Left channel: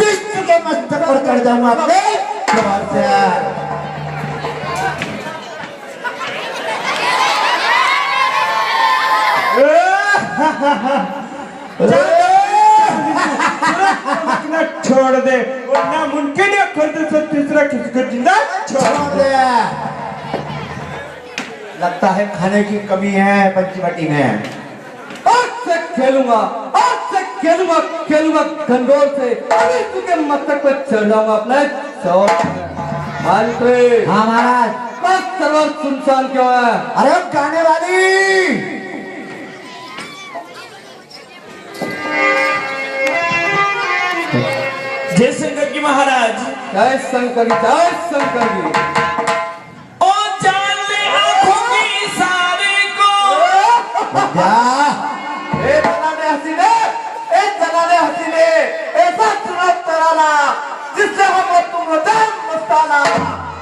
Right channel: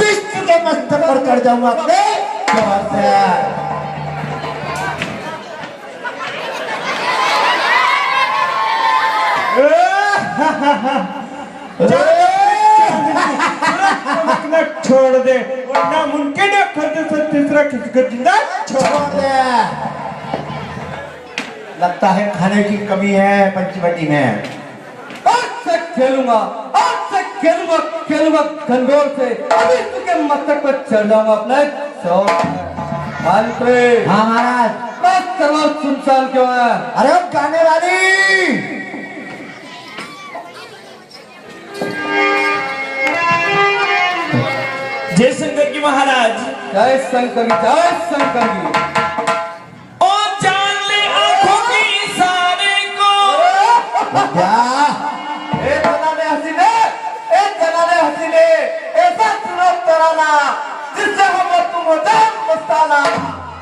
विश्व के मस्तक पर कर जाऊंगा अपने जोर से। छोड़ दे वरना मुमकिन है खुद से तीसरा किसी को जिंदा छोड़ दे। लगता है खाने की कमी है पंचवटी में। आज से खेलूंगा गंगोर से विश्व के मस्तक पर चढ़ जाऊंगा अपने जोर। हाँ महाराज, बस सर्व सुनसान क्यों है? अरे गाने वाली जय शंकर की महाराज। जय शंकर की। ओ जान ले आंखों की इशारे को। हसीने ऐसा चुनाव कराना जिससे हम तुम मस्ताना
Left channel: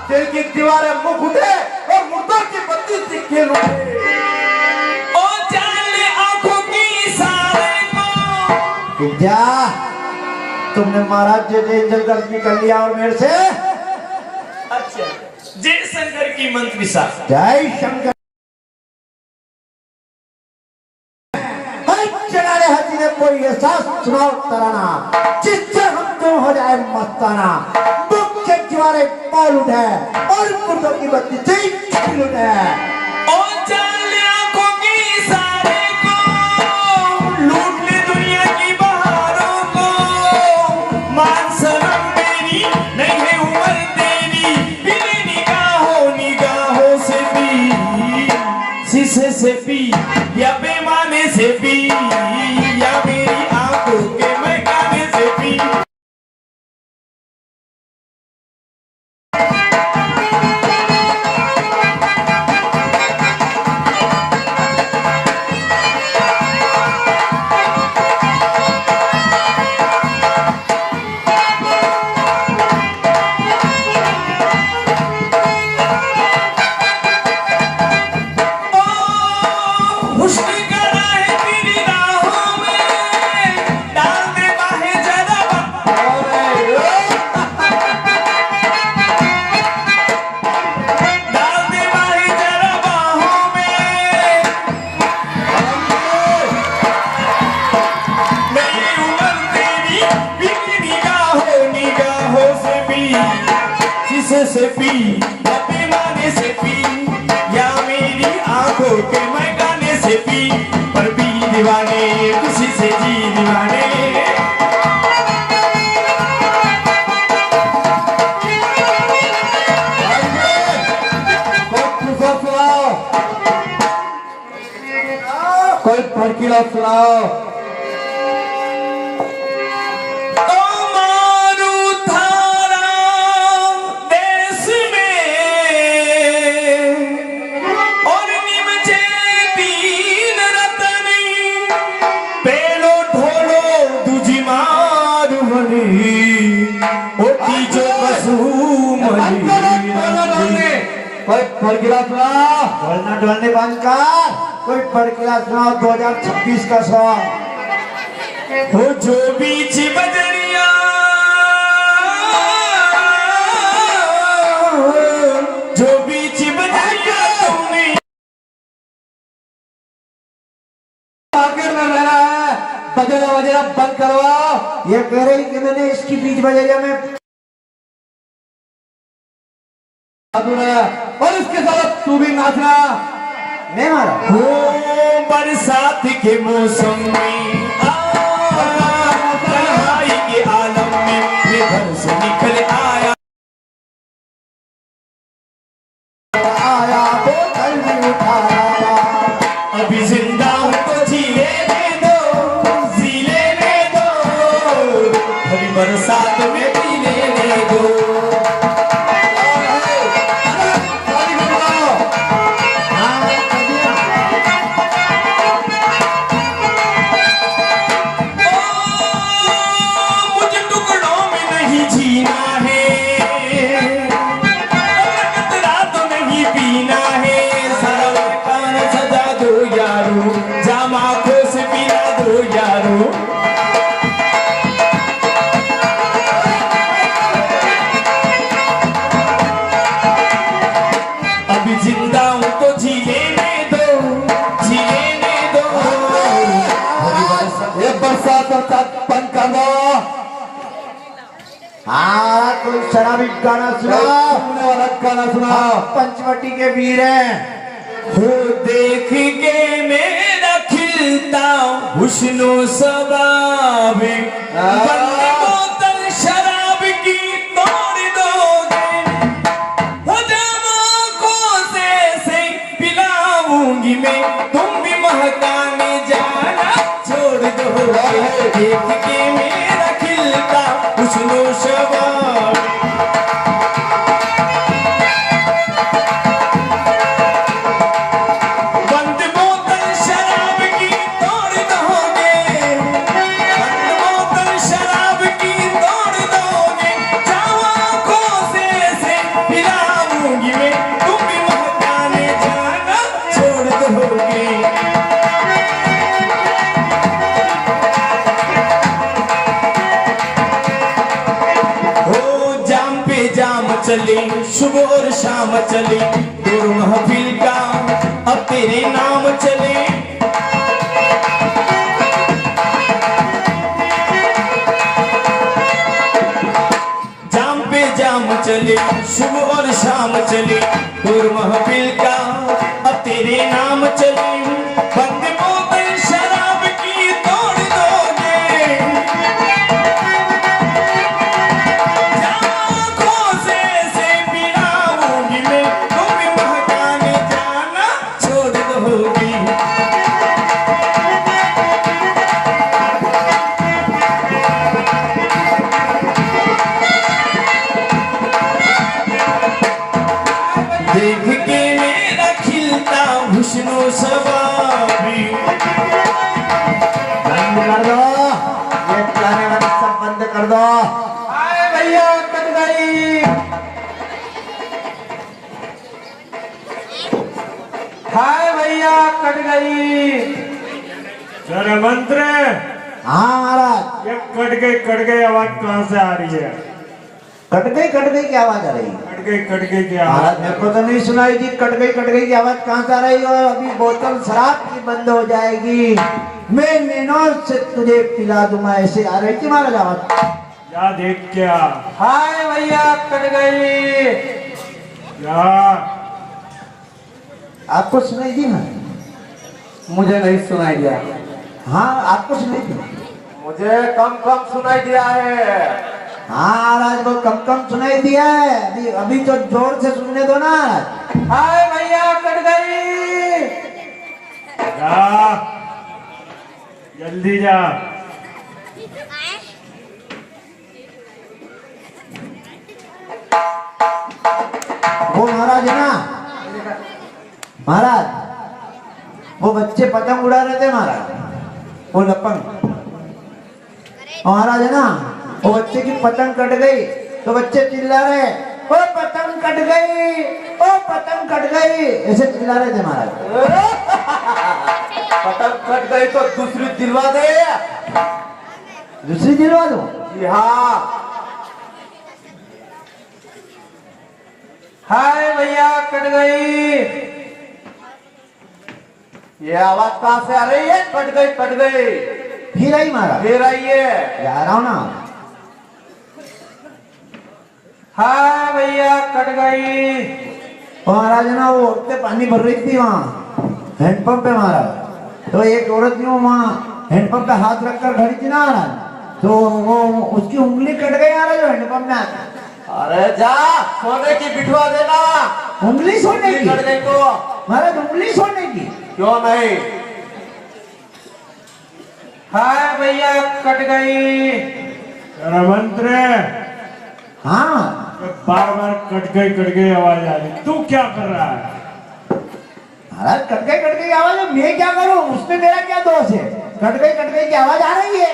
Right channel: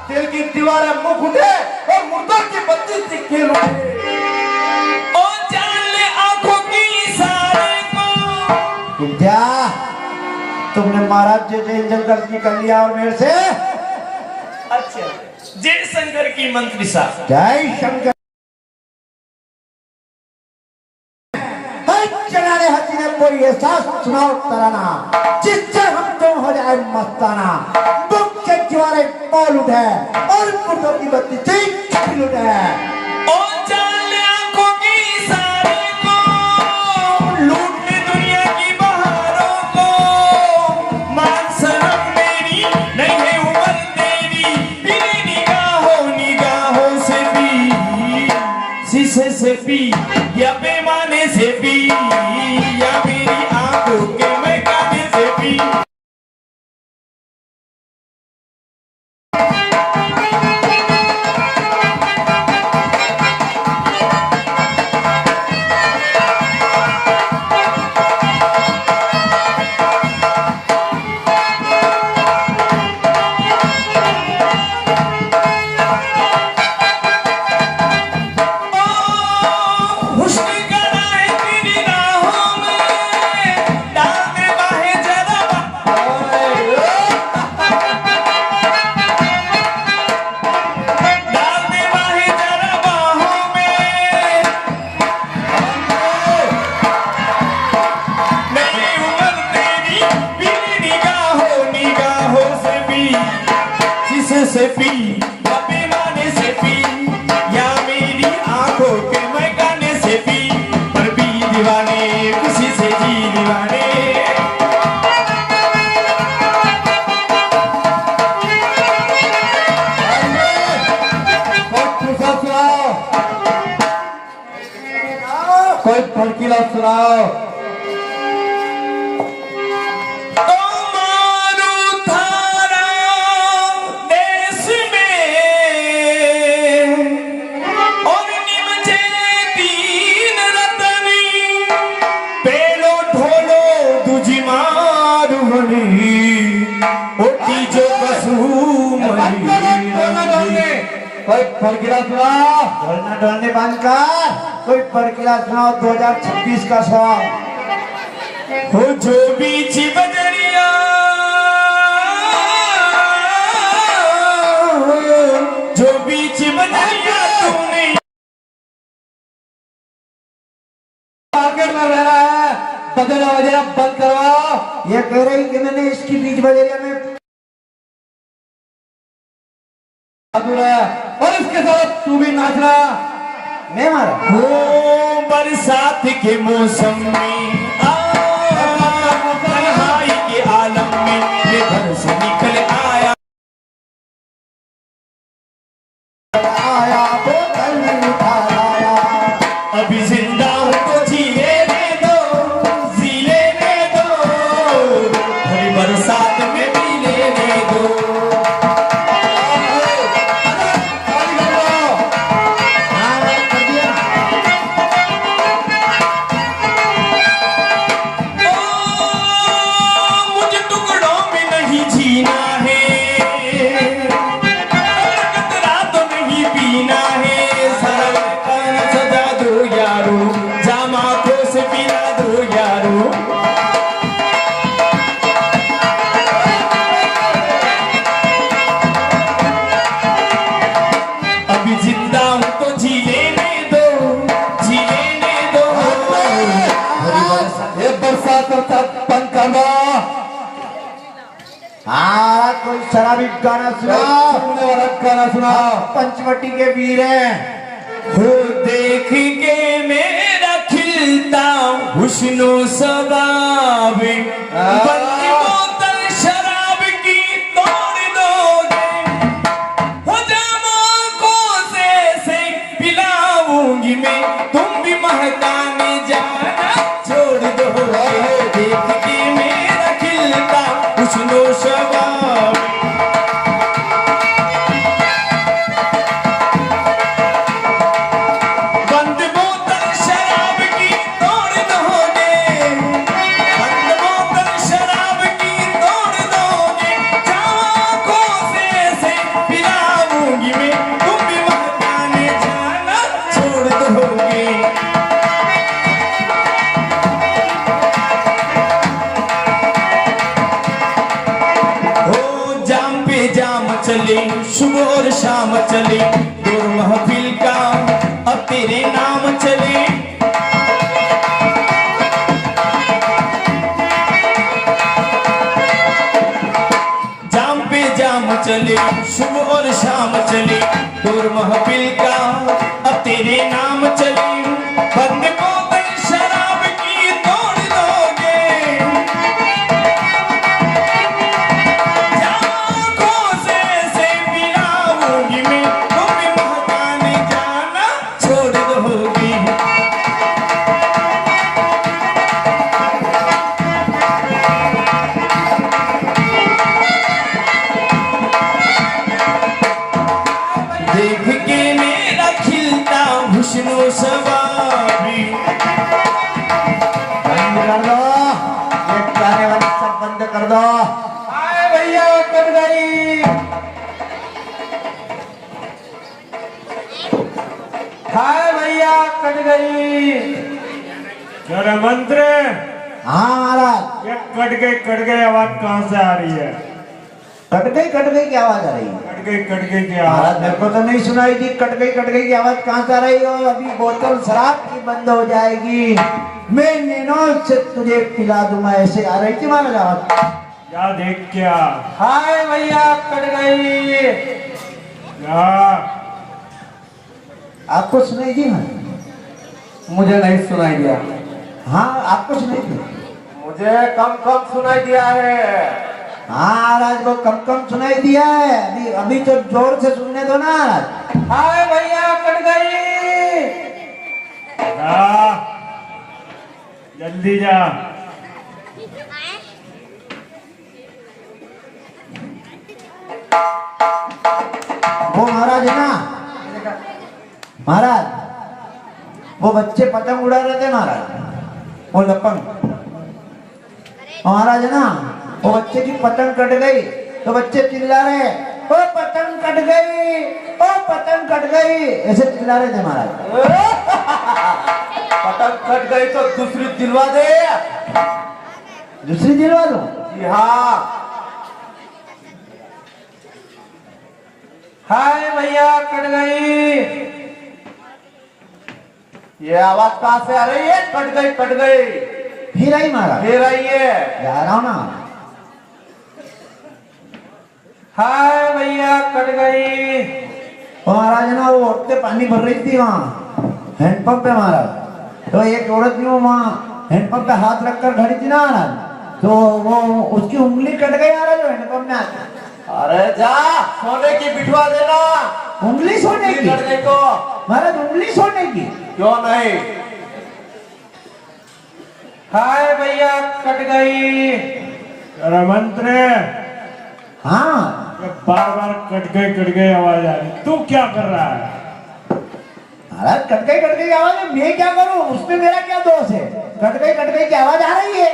दिल की दीवारें मुख उठे और मुर्दों की बत्ती से खेल उठे। ओ जान ले आंखों की इशारे को। विद्या, तुमने महाराज जय गलती कर लिया और मेरे से। अच्छा, जय शंकर की मंत्री साहब। जय शंकर। चलाने हसीने कोई ऐसा चुनाव कराना जिससे हम तुम हो जाए मस्ताना। बुक के दीवारें पाल उठे और मुर्दों की बत्ती से खेल उठे। ओ जान ले आंखों की इशारे को। लूट ले दुनिया की बहारों को। मान शर्म मेरी नहीं है उम्र तेरी। बिना निगाहों से भी, शीशे से भी या पैमाने से भी, या मेरी आंखों के महकाने से भी। से पी या पैमाने से पी, या मेरी आंखों के महकाने से पी। पर भी दीवाने किसी से जी दीवाने। कोई भड़कीला सुनाओ। कोई फरकिला सुनाओ। ढोलना ढोलने बंद कर। कोई फरकिला सुनाओ 2026 का सॉन्ग। हो जो बीच बजरिया, जो बीच बजरिया तूने। मार्केट में रह रहा है, बजरा बंद करवाओ। ये कह रही कि मैंने इसकी बीच बजरिया में और इसके साथ तू भी नाचना। नहीं मारा हो बरसात के मौसम में, तन्हाई के आलम में ये घर से निकल आया। अभी जिंदा हूँ तो जी लेने दो, अभी बरसात में भी लेने दो। हाँ कोई शराबी गाना सुना, गाना सुना। पंचवटी के वीर हैं। हो देख के मेरा खिलता हुस्नो सबाब, बंदी बोतल शराब की तोड़ दोगे, हो जामा को से पिलाऊंगी मैं, तुम भी महकाने जाना छोड़ दोगे। देख के मेरा खिलता हुस्नो सबाब, बंद बोतल शराब की तोड़ दोगे, बंद बोतल शराब की तोड़ दोगे, आँखों से पिलाऊंगी मैं, तुम भी महकाने जाना छोड़ दोगे। हो जाम पे जाम चले, सुबह और शाम चले, दूर महफिल का अब तेरे नाम चले। जाम पे जाम चले, सुबह और शाम चले, दूर महफिल का अब तेरे नाम चले। बंद बोतल शराब की तोड़ दोगे, आँखों से पिलाऊंगी मैं, तुम भी महकाने जाना छोड़ दोगी। देख के मेरा खिलता हुस्नो सबाबी, बंद कर दो, ये गाने वाला सब बंद कर दो। आए भैया कट गई, हाय भैया कट गई। जरा मंत्र, हाँ महाराज। ये कट गई आवाज कहाँ से आ रही है? कट गई की आवाज आ रही है। कट गई की महाराज आवाज। मेरे को तो नहीं सुनाई दी कट गई की आवाज कहाँ से आ रही है। और अभी बोतल शराब की बंद हो जाएगी, मैं नैनो से तुझे पिला दूंगा, ऐसे आ रही थी महाराज आवाज। या देख क्या, हाय भैया कट गई। या आपको सुनाई दी ना? मुझे नहीं सुनाई दिया। हाँ आपको सुनाई दी? मुझे कम सुनाई दिया है। हाँ महाराज को कम सुनाई दिया है। अभी तो जोर से सुनने दो ना। हाय भैया कट गई। जा जल्दी जा। वो महाराज है ना, महाराज वो बच्चे पतंग उड़ा रहे थे महाराज, वो लपंग महाराज है ना, वो बच्चे की पतंग कट गई तो बच्चे चिल्ला रहे, ओ पतंग कट गई, ओ पतंग कट गई, ऐसे चिल्ला रहे थे महाराज। पतंग कट गई तो दूसरी दिलवा दे। दूसरी दिलवा दो? जी हाँ। हाय भैया कट गई। ये आवाज कहाँ से आ रही है? कट गई। फिर आई महाराज, फिर आई है। जा रहा हूँ ना। हाय भैया कट गई। महाराज ना वो औरतें पानी भर रही थी वहाँ हैंडपंप पे महाराज, तो एक औरत ने वहाँ हैंडपंप पे हाथ रखकर खड़ी थी ना महाराज, तो वो उसकी उंगली कट गई महाराज हैंडपंप में आके। अरे जा सोने की बिठवा देना। उंगली सोने की? करने को महाराज उंगली सोने की? क्यों नहीं। हाय भैया कट गई। मंत्र हाँ बार कट गई आवाज आ रही, तू क्या कर रहा है? महाराज कट गई आवाज है, मैं क्या करूं, उसमें मेरा क्या दोष है? कट गई की आवाज आ रही है।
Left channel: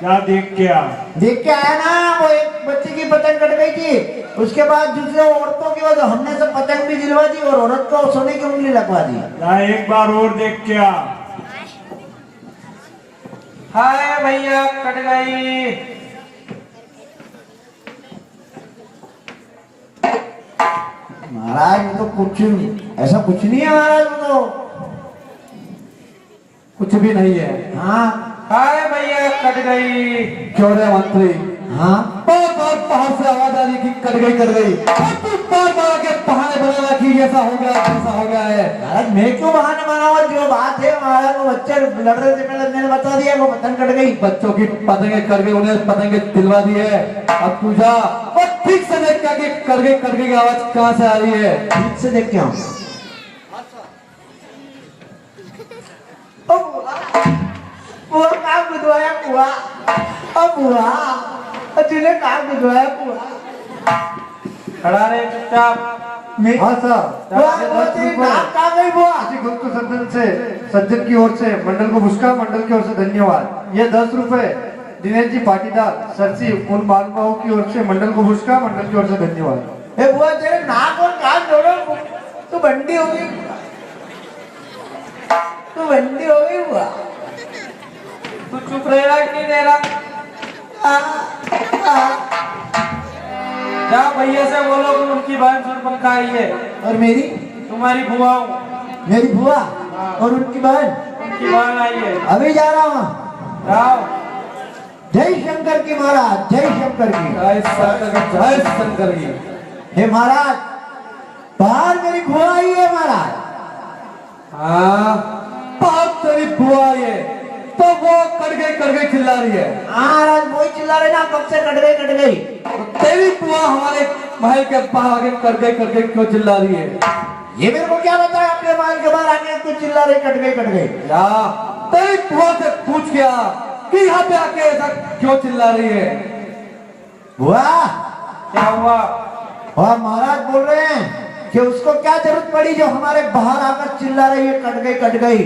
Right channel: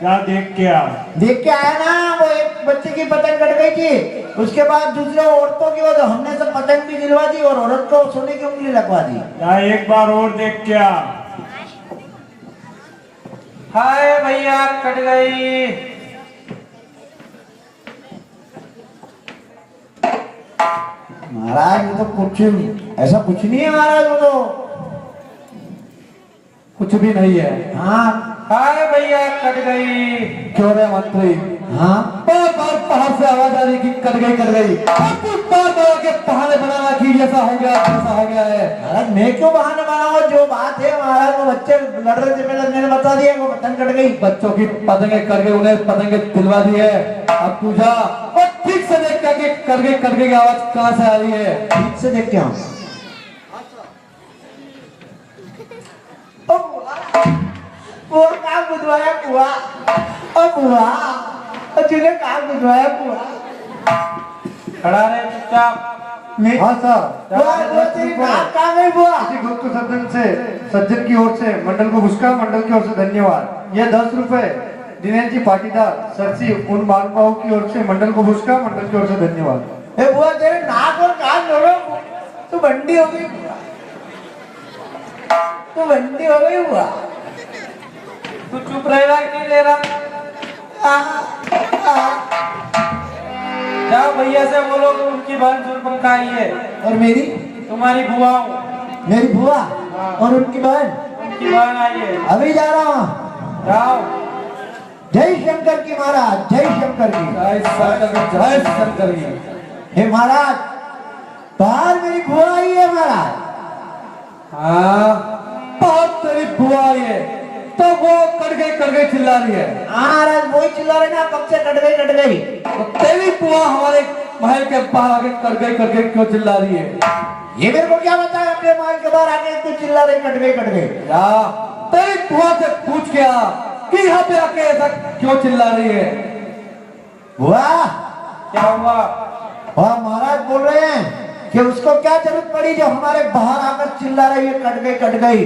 क्या देख के आ? देख के आया ना, वो एक बच्चे की पतंग कट गई थी, उसके बाद दूसरे औरतों की वजह हमने सब पतंग भी दिलवा दी और औरत को सोने की उंगली लगवा दी। एक बार और देख के आ। हाय भैया कट गई। महाराज वो तो कुछ ऐसा कुछ नहीं है महाराज, वो तो कुछ भी नहीं है। हाँ हाय भैया कट गई। क्यों रे मंत्री? हाँ बहुत से आवाज आ रही कि कट गई और तू बार के बहाने बनाना कि ऐसा हो गया है। महाराज मैं क्यों बहाने बनाऊंगा, जो बात है महाराज वो बच्चे लड़ रहे थे पहले मैंने बता दिया, वो पतंग कट गई। बच्चों की पतंगे करके उन्हें पतंगे दिलवा दी है। अब तू जा और ठीक से देख करके करके की आवाज कहाँ से आ रही है, ठीक से देख के आओ। बुआ कहाँ बुधवाया बुआ, बुआ तूने कहाँ बुधवाया बुआ। खड़ा रहे चुपचाप। हाँ सर, बुआ तेरी नाक कहाँ गई बुआ। गुप्त सज्जन की ओर से मंडल को पुरस्कार, मंडल की ओर से धन्यवाद। ये 10 रुपए दिनेश जी पाटीदार सरसी उन महानुभावों की ओर से मंडल को पुरस्कार, मंडल की ओर से धन्यवाद। ए बुआ तेरे नाक और कान जोड़ो, तू बंडी हो गई, तू बंडी हो गई बुआ। तू चुप रहेगा कि नहीं रहेगा? जा भैया से बोलो कि उनकी बहन सुरपंखा आई है। और मेरी तुम्हारी बुआ हूँ, मेरी बुआ और उनकी बहन, उनकी बहन आई है। अभी जा रहा हूँ। जाओ। जय शंकर की महाराज, जय शंकर की। जय शंकर जी। हे महाराज बाहर मेरी बुआ आई है महाराज। हाँ, बात तेरी बुआ आई है तो वो कट गई चिल्ला रही है। महाराज वही चिल्ला रहे ना, कब से कट गई। तो तेरी बुआ हमारे महल के बाहर आके कर गई क्यों चिल्ला रही है? ये मेरे को क्या पता है, अपने महल के बाहर आके तू चिल्ला रही कट गई। या तेरी बुआ से पूछ गया कि यहाँ पे आके ऐसा क्यों चिल्ला रही है? बुआ क्या हुआ? और महाराज बोल रहे हैं कि उसको क्या जरूरत पड़ी जो हमारे बाहर आकर चिल्ला रही है कट गई।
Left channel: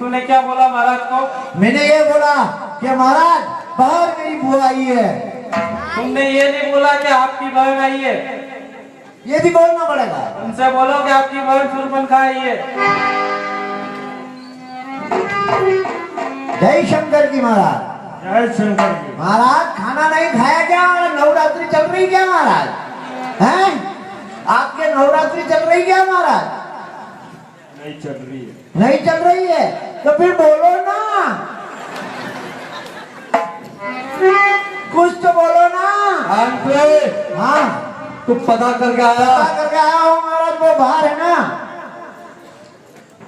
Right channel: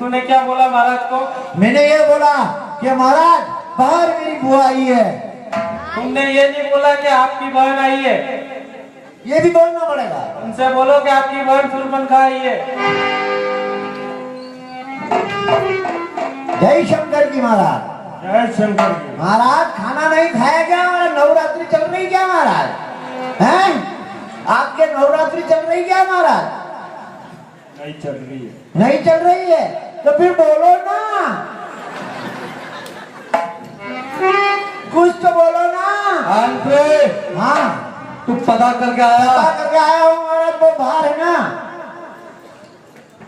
तूने क्या बोला महाराज को? मैंने ये बोला कि महाराज बाहर मेरी बुआ आई है। तुमने ये नहीं बोला कि आपकी बहन आई है? ये भी बोलना पड़ेगा। उनसे बोलो कि आपकी बहन सुरपंखा आई है। जय शंकर की महाराज। जय शंकर जी। महाराज खाना नहीं खाया क्या, नवरात्रि चल रही क्या महाराज? हैं आपके नवरात्रि चल रही क्या महाराज? नहीं चल रही है। नहीं चल रही है तो फिर बोलो ना, कुछ तो बोलो ना। हाँ तू पता करके आया? पता करके आया हूँ महाराज, वो बाहर है ना,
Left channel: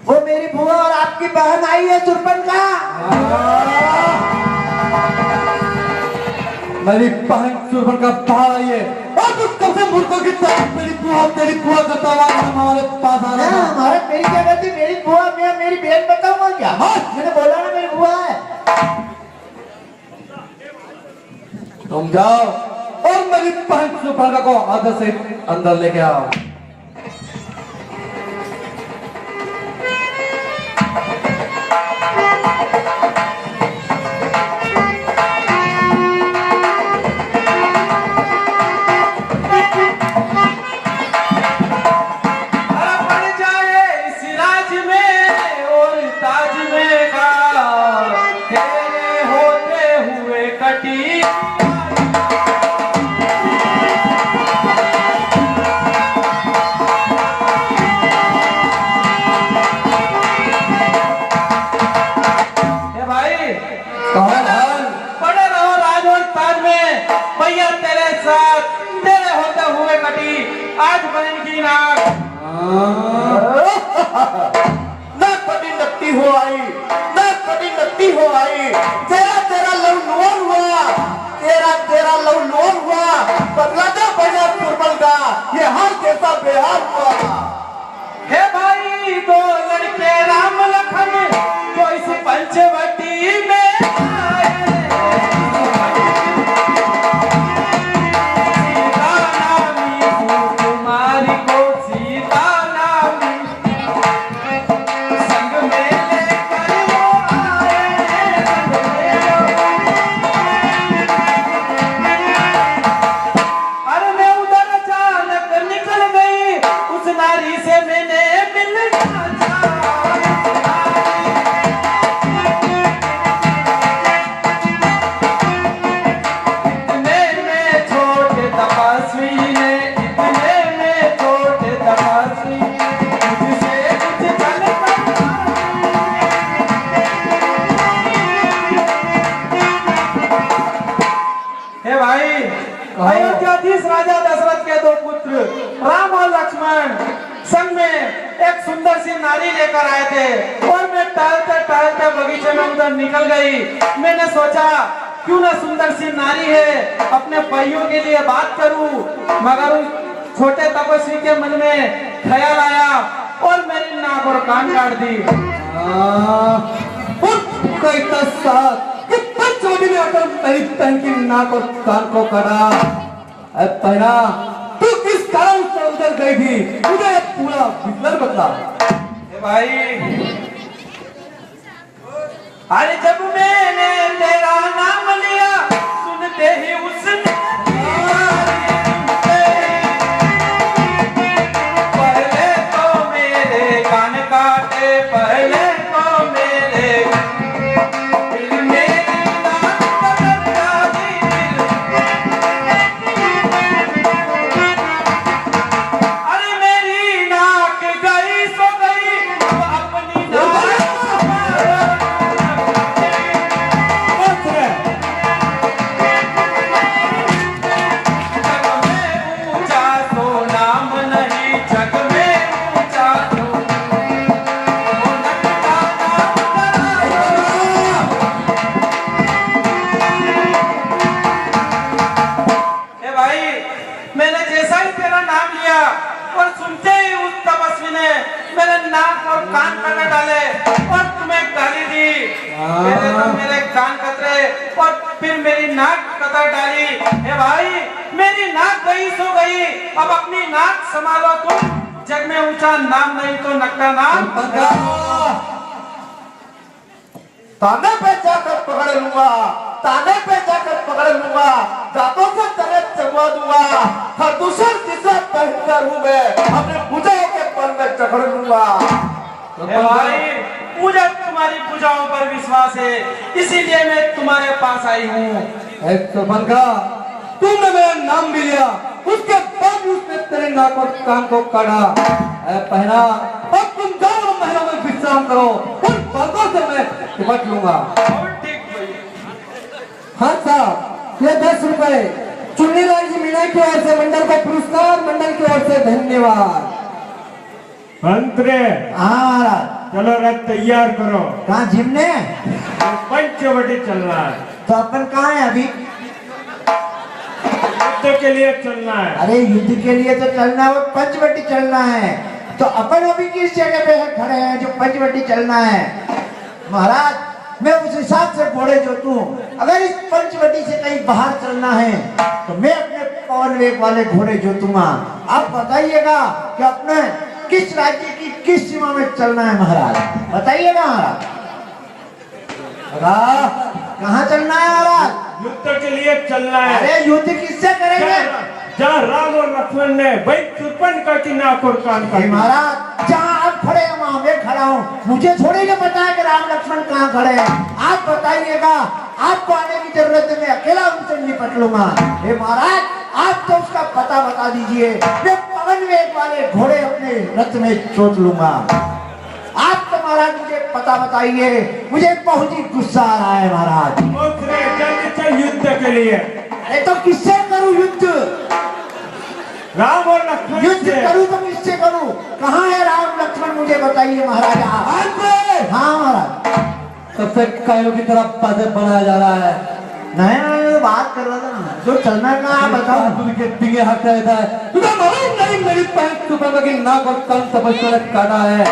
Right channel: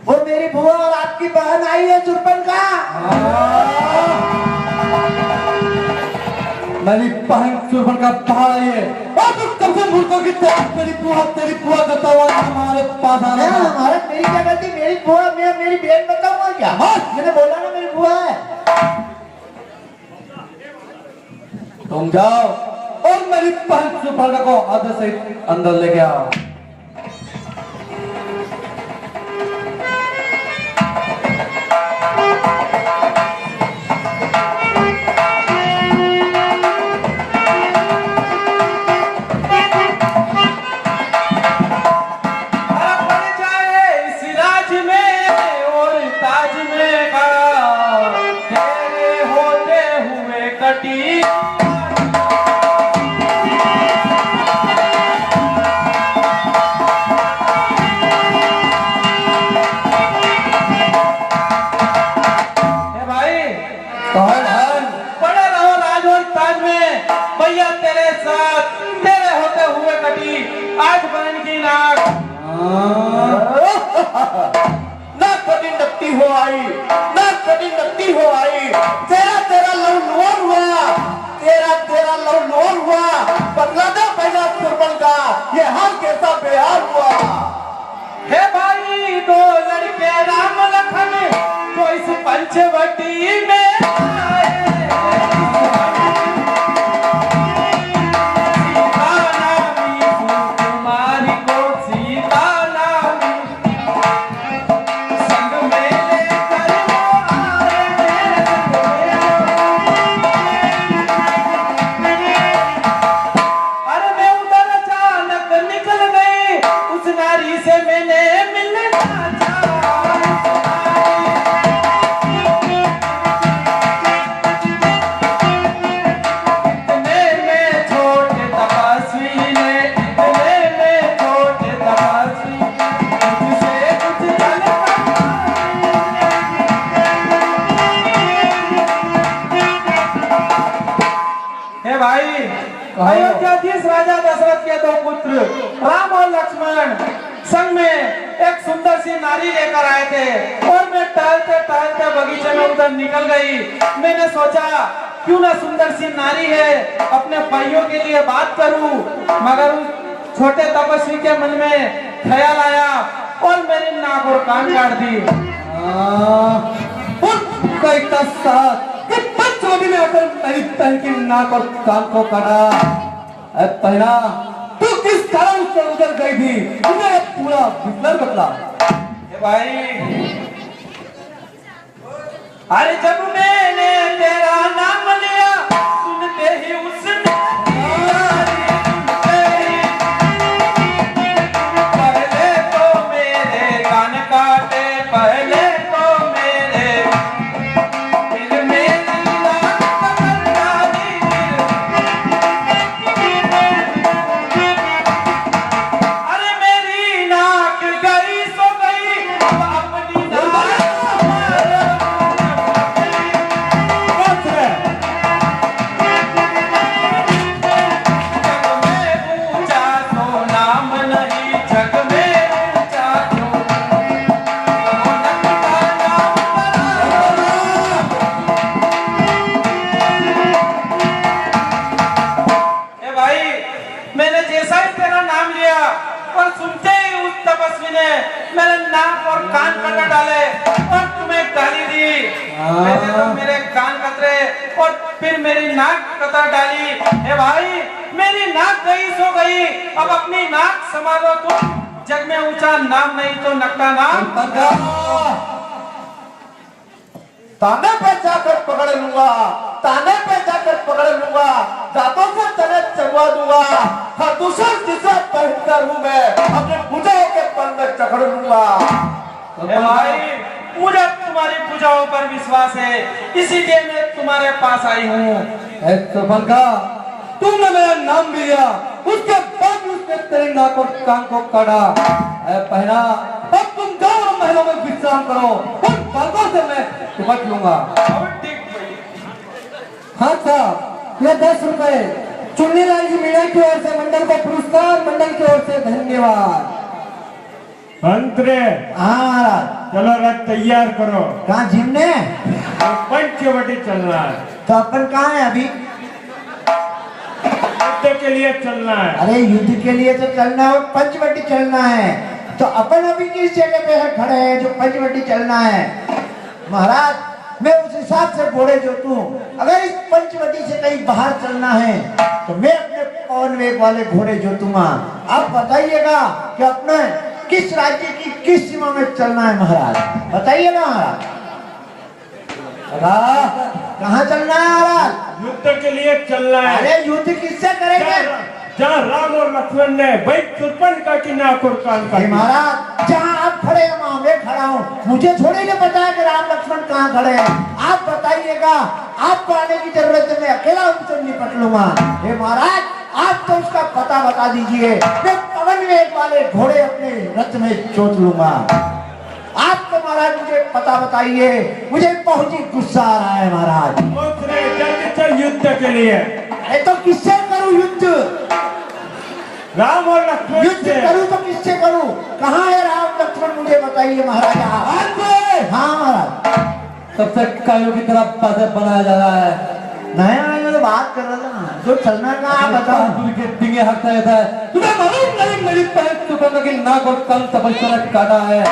वो मेरी बुआ और आपकी बहन आई है सुरपंखा। मेरी बहन सुरपंखा बाहर आई है और तू कब से मुल्कों की तरफ तेरी बुआ करता हुआ हमारे पास आ रहा है? महाराज मेरी क्या गलती, मेरी बुआ मैं मेरी बहन बताऊंगा क्या? मैंने बोला ना मेरी बुआ है। तुम जाओ और मेरी बहन सुरपंखा को आदर से अंदर लेके आओ। आज बहन की नाक ना कभी नकटी हो आई, ना कभी नकटी हो आई। तेरा लव हुआ, तेरा लव हुआ। बदला दो पहला सुरपल का, ये हाल कैसा बेहाल हुआ। हे भाई दो लड़के राम लखन जो इस पंचवटी में आए। अयोध्याधीश राजा दशरथ के 2 पुत्र राम और लक्ष्मण संग में एक सुंदर सी नारी लेकर आए थे और मैं टहलते टहलते बगीचे में उधर निकल गई। मैंने सोचा क्यों ना सुंदर सी नारी है अपने भाइयों के लिए बात करूं, मगर उस छोटे तपस्वी के मन में ख्याल आया और मेरी नाक और कान काट दी। में अगर मेरी तन की नाक और कान को काटा, पहला तू किस काम से उधर गई थी, मुझे पूरा बिस्तर बदला। भाई अरे जब मैंने तेरा नाम लिया सुनते ही उसने पहले तो मेरे कान काटे, पहले तो मेरे दिल मेरी नाक डाली। अरे मेरी नाक गई सो गई, अपनी मेरे नाक और कान कटा डाले और तुम्हें गाली दी। पहले तो मेरे कान कतरे और फिर मेरी नाक कतर डाली। ए भाई मेरी नाक गई सो गई, अब अपनी नाक संभालो तुम, जग में ऊंचा नाम नहीं तो नक्का नाम। ताने पे जाकर पकड़ लूंगा, ताने पे जाकर पकड़ लूंगा, दांतों से तलक चलवा दूंगा, हर दूसरे जिसे पहनकर हूँ मैं अपने पूजा के पल में चढ़ लूंगा। भाई मुझे तुम्हारी पूजाओं पर विश्वास है, इसीलिए मैं तुम्हारे पास आई हूँ। तुमने मेरा नाम भी लिया, उसके बाद भी उसने तेरे नाक और कान को काटा। पहला अब तुम जाओ महलों में विश्राम करो, उन बातों से मैं निपट लूंगा। हाँ साहब, ये 10 रुपए चुन्नीलाल जी मीणा की ओर से मंडल का पुरस्कार, मंडल की ओर से धन्यवाद। अंतरे हाँ चलो रथ तैयार करो, कहाँ जिमने? पंचवटी चलना है। तो अपन कहाँ है अभी? युद्ध के लिए चलना है। अरे युद्ध के लिए तो चलना है और पंचवटी चलना है, तो अपन अभी किस जगह पे खड़े हैं जो पंचवटी चलना है? महाराज मैं उस हिसाब से घोड़े जोतूं, अगर इस पंचवटी से कहीं बाहर चलना है तो मैं अपने पवन वेग वाले घोड़े जोतूंगा। आप बताइएगा कि अपने किस राज्य की किस सीमा में चलना है महाराज, बताइएगा महाराज। कहाँ चलना है महाराज? युद्ध के लिए चलना है। अरे युद्ध किससे करेंगे? जहाँ राम और लक्ष्मण ने भाई सुर्पणखा की नाक और कान काटी। महाराज जहाँ आप खड़े हैं वहाँ मैं खड़ा हूँ, मुझे थोड़ी ना पता है कि राम लक्ष्मण कहाँ खड़े हैं। आप बताइएगा, आपको आने की जरूरत है, मैं अकेला उनसे निपट लूंगा। हे महाराज आप तो उसका पता बता दीजिए, मैं पवन वेग वाले घोड़े अपने रथ में चोट लूंगा। आप तो महाराज मुझे पता बताइए, मुझे बहुत ही गुस्सा आ रहा है महाराज। जल्दी चल युद्ध के लिए। अरे तो किससे करूँ युद्ध? राम और लक्ष्मण युद्ध से। करूँ तो किससे करूँ? कहाँ है राम लक्ष्मण मुझे बताइए महाराज। हाँ महाराज सबसे कायों की तरफ बाधे बनाया जा रहा है। नहीं बात कर रहा था ना, जो चलना का आप बताओ। के दिए हट रहता है, तुम्हें मालूम नहीं मेरी पैर सुबह की नाक और कान तपस्या ने काटा है।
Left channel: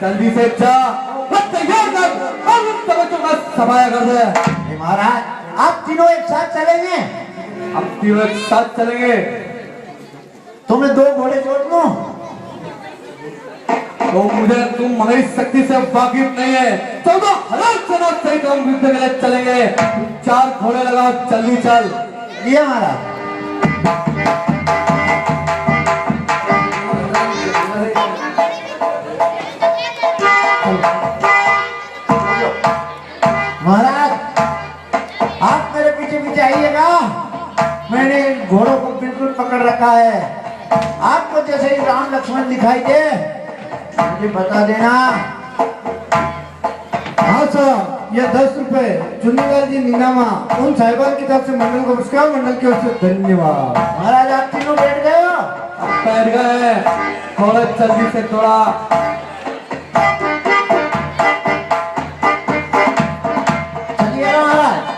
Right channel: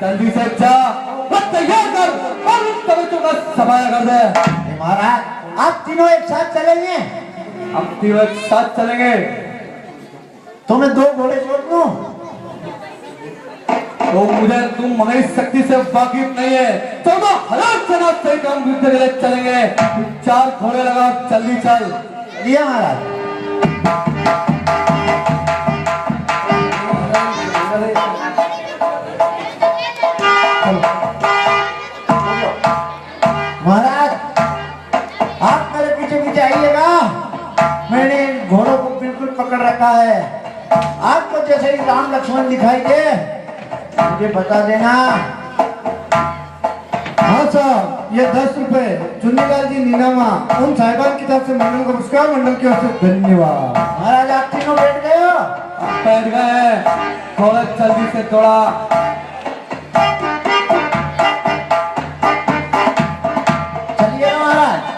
जल्दी से जा, तैयार कर और उस तवज्जो का समाया कर दे। महाराज आप तीनों एक साथ चलेंगे? हम तीनों एक साथ चलेंगे। तो मैं 2 घोड़े जोड़ लूं? तो मुझे तुम हमारी शक्ति से वाकिफ नहीं है, तो हलाक चलो सही काम युद्ध के लिए चलेंगे। 4 घोड़े लगाओ, जल्दी चल। लिया महाराज। महाराज आप मेरे पीछे पीछे आइएगा, मैंने इन घोड़ों को बिल्कुल पकड़ रखा है। आपको जैसे ही राम लक्ष्मण दिखाई दे मुझे बता देना। हाँ साहब। यह 10 रुपए चुन्नीलाल जी नीनामा उन साहिबान की तरफ से मंडल को पुरस्कार, मंडल की ओर से धन्यवाद। महाराज आप तीनों बैठ गए हो? बैठ गए, थोड़ा जल्दी से थोड़ा चलिए ना महाराज।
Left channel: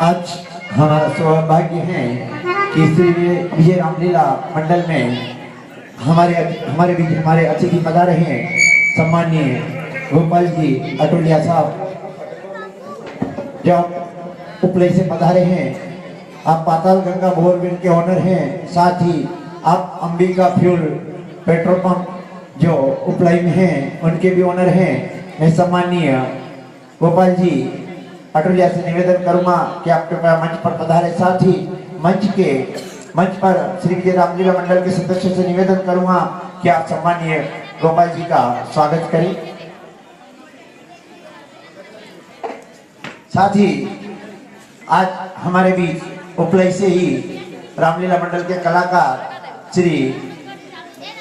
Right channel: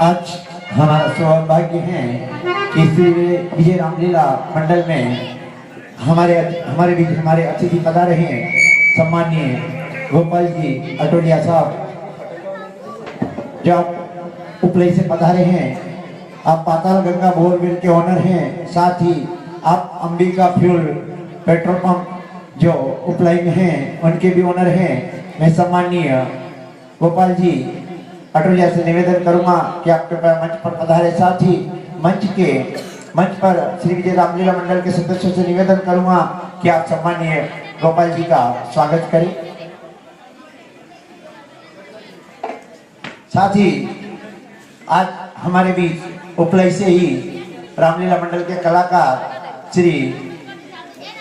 आज हमारा सौभाग्य है कि श्री विजय रामलीला मंडल में हमारे बीच हमारे अतिथि पधारे हैं सम्माननीय गोपाल जी अटोलिया साहब, जब उपले से पधारे हैं। आप पाताल गंगा बोरवेल के ऑनर हैं, साथ ही आप अंबिका फ्यूल पेट्रोल पंप जो उपलाई में हैं उनके भी ऑनर हैं। मैं सम्माननीय गोपाल जी अटोलिया से निवेदन करूंगा कि आप कृपया मंच पर पधारे, साथ ही मंच पर श्री विजय रामलीला मंडल के सदस्यों से निवेदन करूंगा कि आप सम्माननीय गोपाल जी का स्वागत करें। साथ ही आज हमारे बीच उपलाई से ही रामलीला मंडल के कलाकार श्री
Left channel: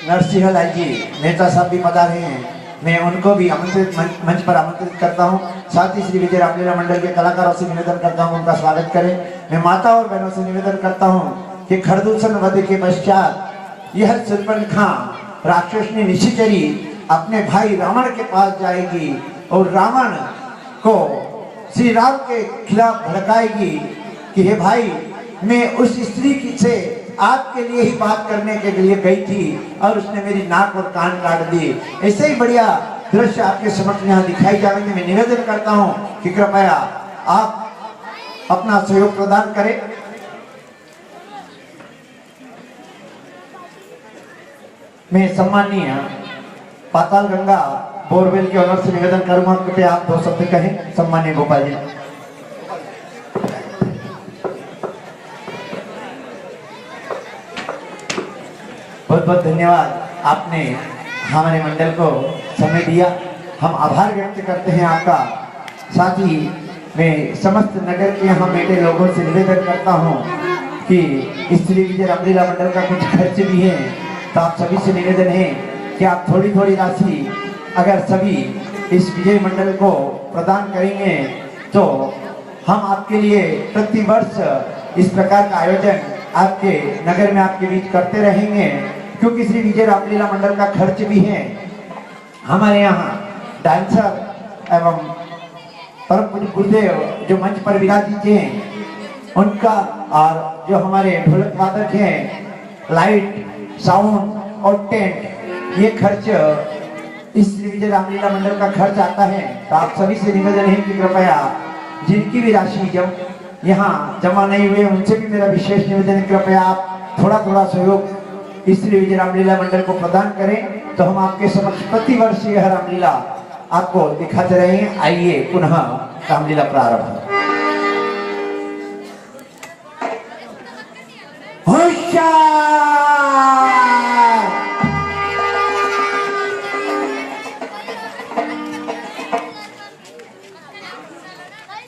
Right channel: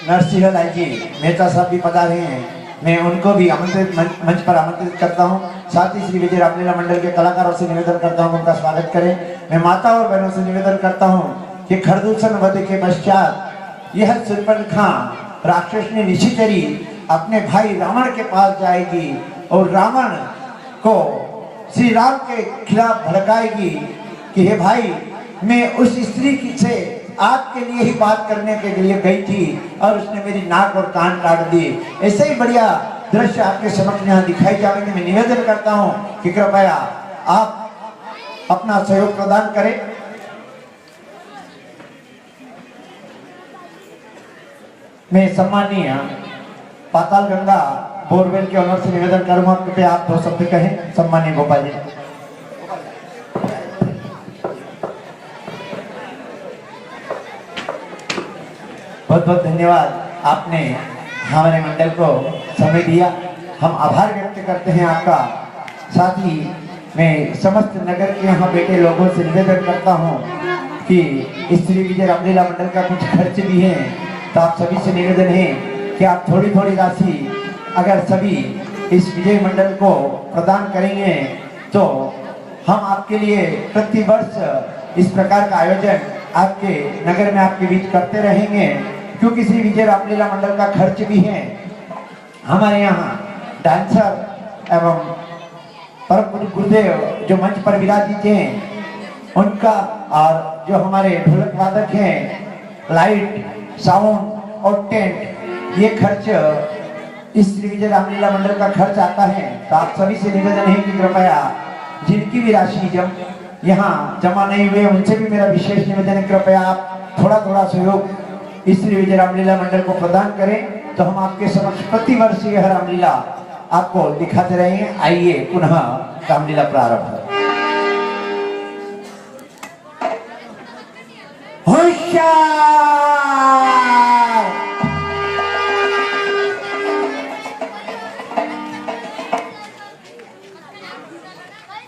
नरसिंह लाल जी मेहता साहब भी पधारे हैं। मैं उनको भी आमंत्रित मंच पर आमंत्रित करता हूं। साथ ही श्री विजय रामलीला मंडल के कलाकारों से निवेदन करता हूं उनका स्वागत करें। मैं माता और बहनों से निवेदन करता हूं कि खरदूषण वध के पश्चात यह शूर्पणखा राक्षसनी निशिचरी अपने भाई रावण के पास जाएगी और रावण को श्री राम के खिलाफ भड़काएगी कि हे भाई, मैं उस स्त्री से आपके लिए ही बात करने के लिए गई थी और उसने मेरी नाक और कान काट दिए। ऐसे ही बढ़िया दृश्य आपके समक्ष यहाँ दिखाई जाएंगे। मैं निवेदन करता हूँ कि कृपया आप अपना सहयोग प्रदान करें। मैं सम्माननीय पाताल गंगा बोरवेल के ऑनर से निवेदन करूंगा, कृपया आप 2 शब्द कहें। सम्माननीय गोपाल जी। बहुत बहुत धन्यवाद, आपने हमारे मंडल को समय दिया। हम आभार व्यक्त करते हैं आपका। साथ ही मैं समस्त नगर के यहाँ बैठे लोगों से निवेदन करता हूँ कि इस श्री विजय रामलीला मंडल का कुछ खर्च भी है, तो आप सभी से निवेदन है कि आप थोड़ी थोड़ी राशि अगर सभी इस विजय मंडल को प्रदान करेंगे तो हम आपके लिए प्रति वर्ष इस प्रकार का आयोजन आपके नगर में आपके बीच करते रहेंगे, क्योंकि श्री विजय रामलीला मंडल का खर्च भी है। हमारे यहाँ डांसर एवं परम गुरुदेव जो मंच पर विराजित हैं उनका, और जो हमारे ढोलक वादक हैं, लाइट साउंड और टेंट, ये खर्च इस श्री विजय रामलीला मंडल का खर्च आता है। तो आप सभी से निवेदन है कि कृपया जिनकी भी राशि जब यहाँ जमा नहीं हुई उनसे भी मेरा विशेष निवेदन है, कृपया आप थोड़ा थोड़ा सहयोग इस श्री विजय रामलीला मंडल को प्रदान करें, तो हम आपके समक्ष प्रति वर्ष यह रामलीला आपको दिखाते रहेंगे। आइए पुनः रामलीला प्रारंभ।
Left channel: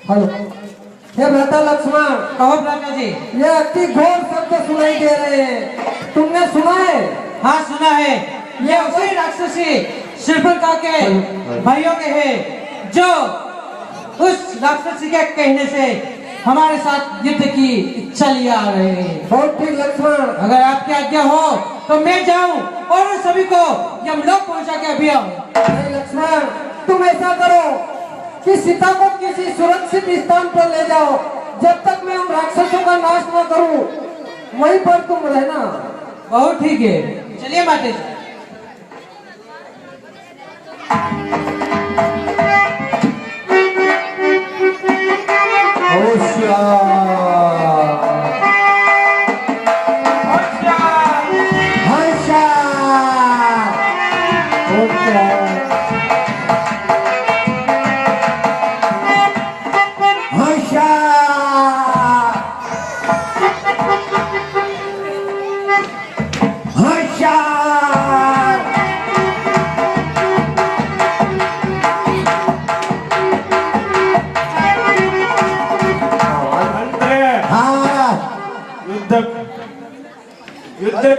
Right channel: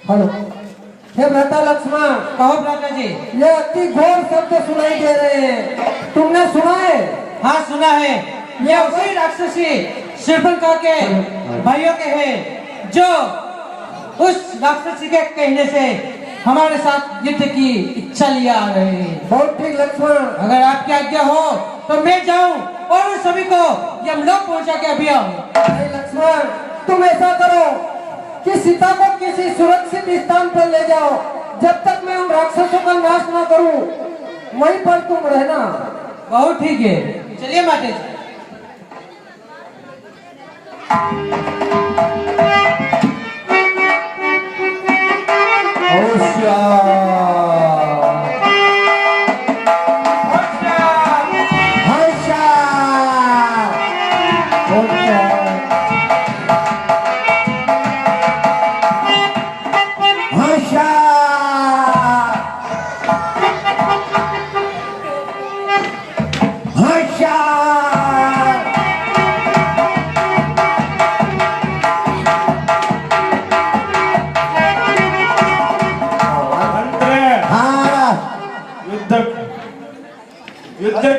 हेलो, हे भ्राता लक्ष्मण। कहो भ्राता जी। ये अति घोर शब्द सुनाई दे रहे हैं, तुमने सुना है? हाँ सुना है। ये उसी राक्षसी शूर्पणखा के भाइयों के हैं जो उस राक्षसी के कहने से हमारे साथ युद्ध की इच्छा लिए आ रहे हैं। बहुत ठीक लक्ष्मण, अगर आपकी आज्ञा हो तो मैं जाऊं और उन सभी को यमलोक पहुंचा के अभी आऊं। लक्ष्मण, तुम ऐसा करो कि सीता को किसी सुरक्षित स्थान पर ले जाओ, जब तक मैं उन राक्षसों का नाश न करूं वहीं पर तुम रहना। बहुत ठीक है, चलिए माते जी।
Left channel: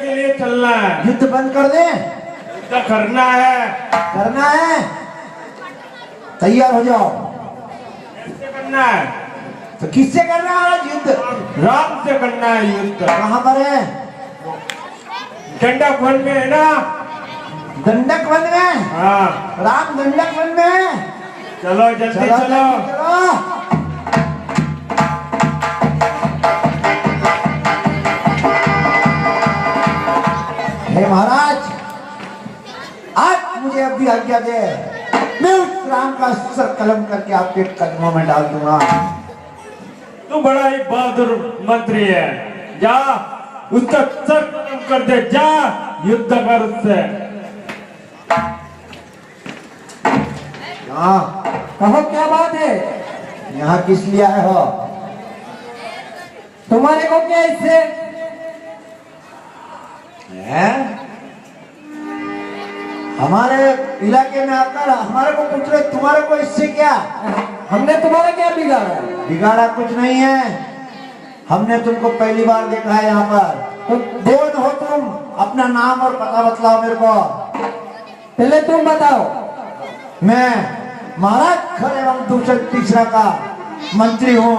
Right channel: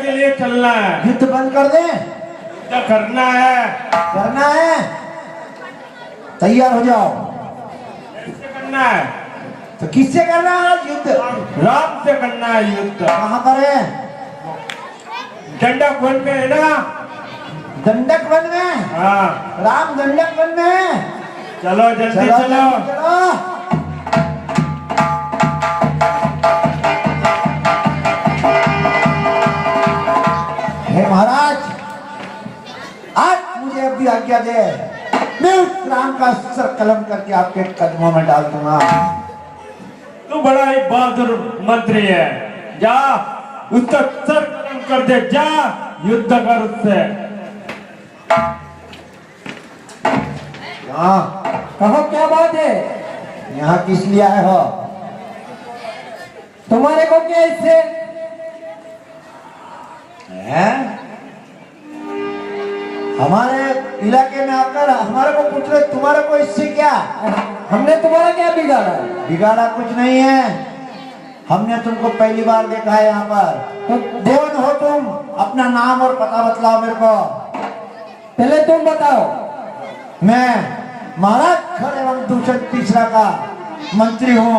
के लिए चलना है, युद्ध बंद कर दे, युद्ध करना है। करना है, तैयार हो जाओ। कैसे करना है? तो किससे करना है आज युद्ध? राम से करना है युद्ध। कहाँ पर है? दंडक वन में है ना? दंडक वन में। हाँ, राम दंडक वन में है। चलो जल्दी चलो, चलो। चलो। हे महाराज, आज मुझे अभी आज्ञा दे, मैं उस राम का सर कलम करके आपके कदमों में डाल दूंगा। तू बड़ा ही बहादुर मंत्री है, जा उसका सर कलम कर दे, जा युद्ध कर उससे। हाँ, कहो क्या बात है? यहाँ किस लिए आए हो? तुम्हारे को क्या इससे? हैं? हमारे इलाके में आकर हमारे को पूछ रहे, तुम्हारे को इससे क्या? हमने तुम्हारा क्या बिगाड़ा? बिगाड़ा कुछ नहीं है, हमने तुमको पहली बार देखा है यहाँ पर। तुम कौन हो? तुम अपना नाम और पता बतलाओ मेरे को। पहले तुम बताओ। मैं महाराज खड़े एवं दूसरे तीसरा का मंत्री हूँ।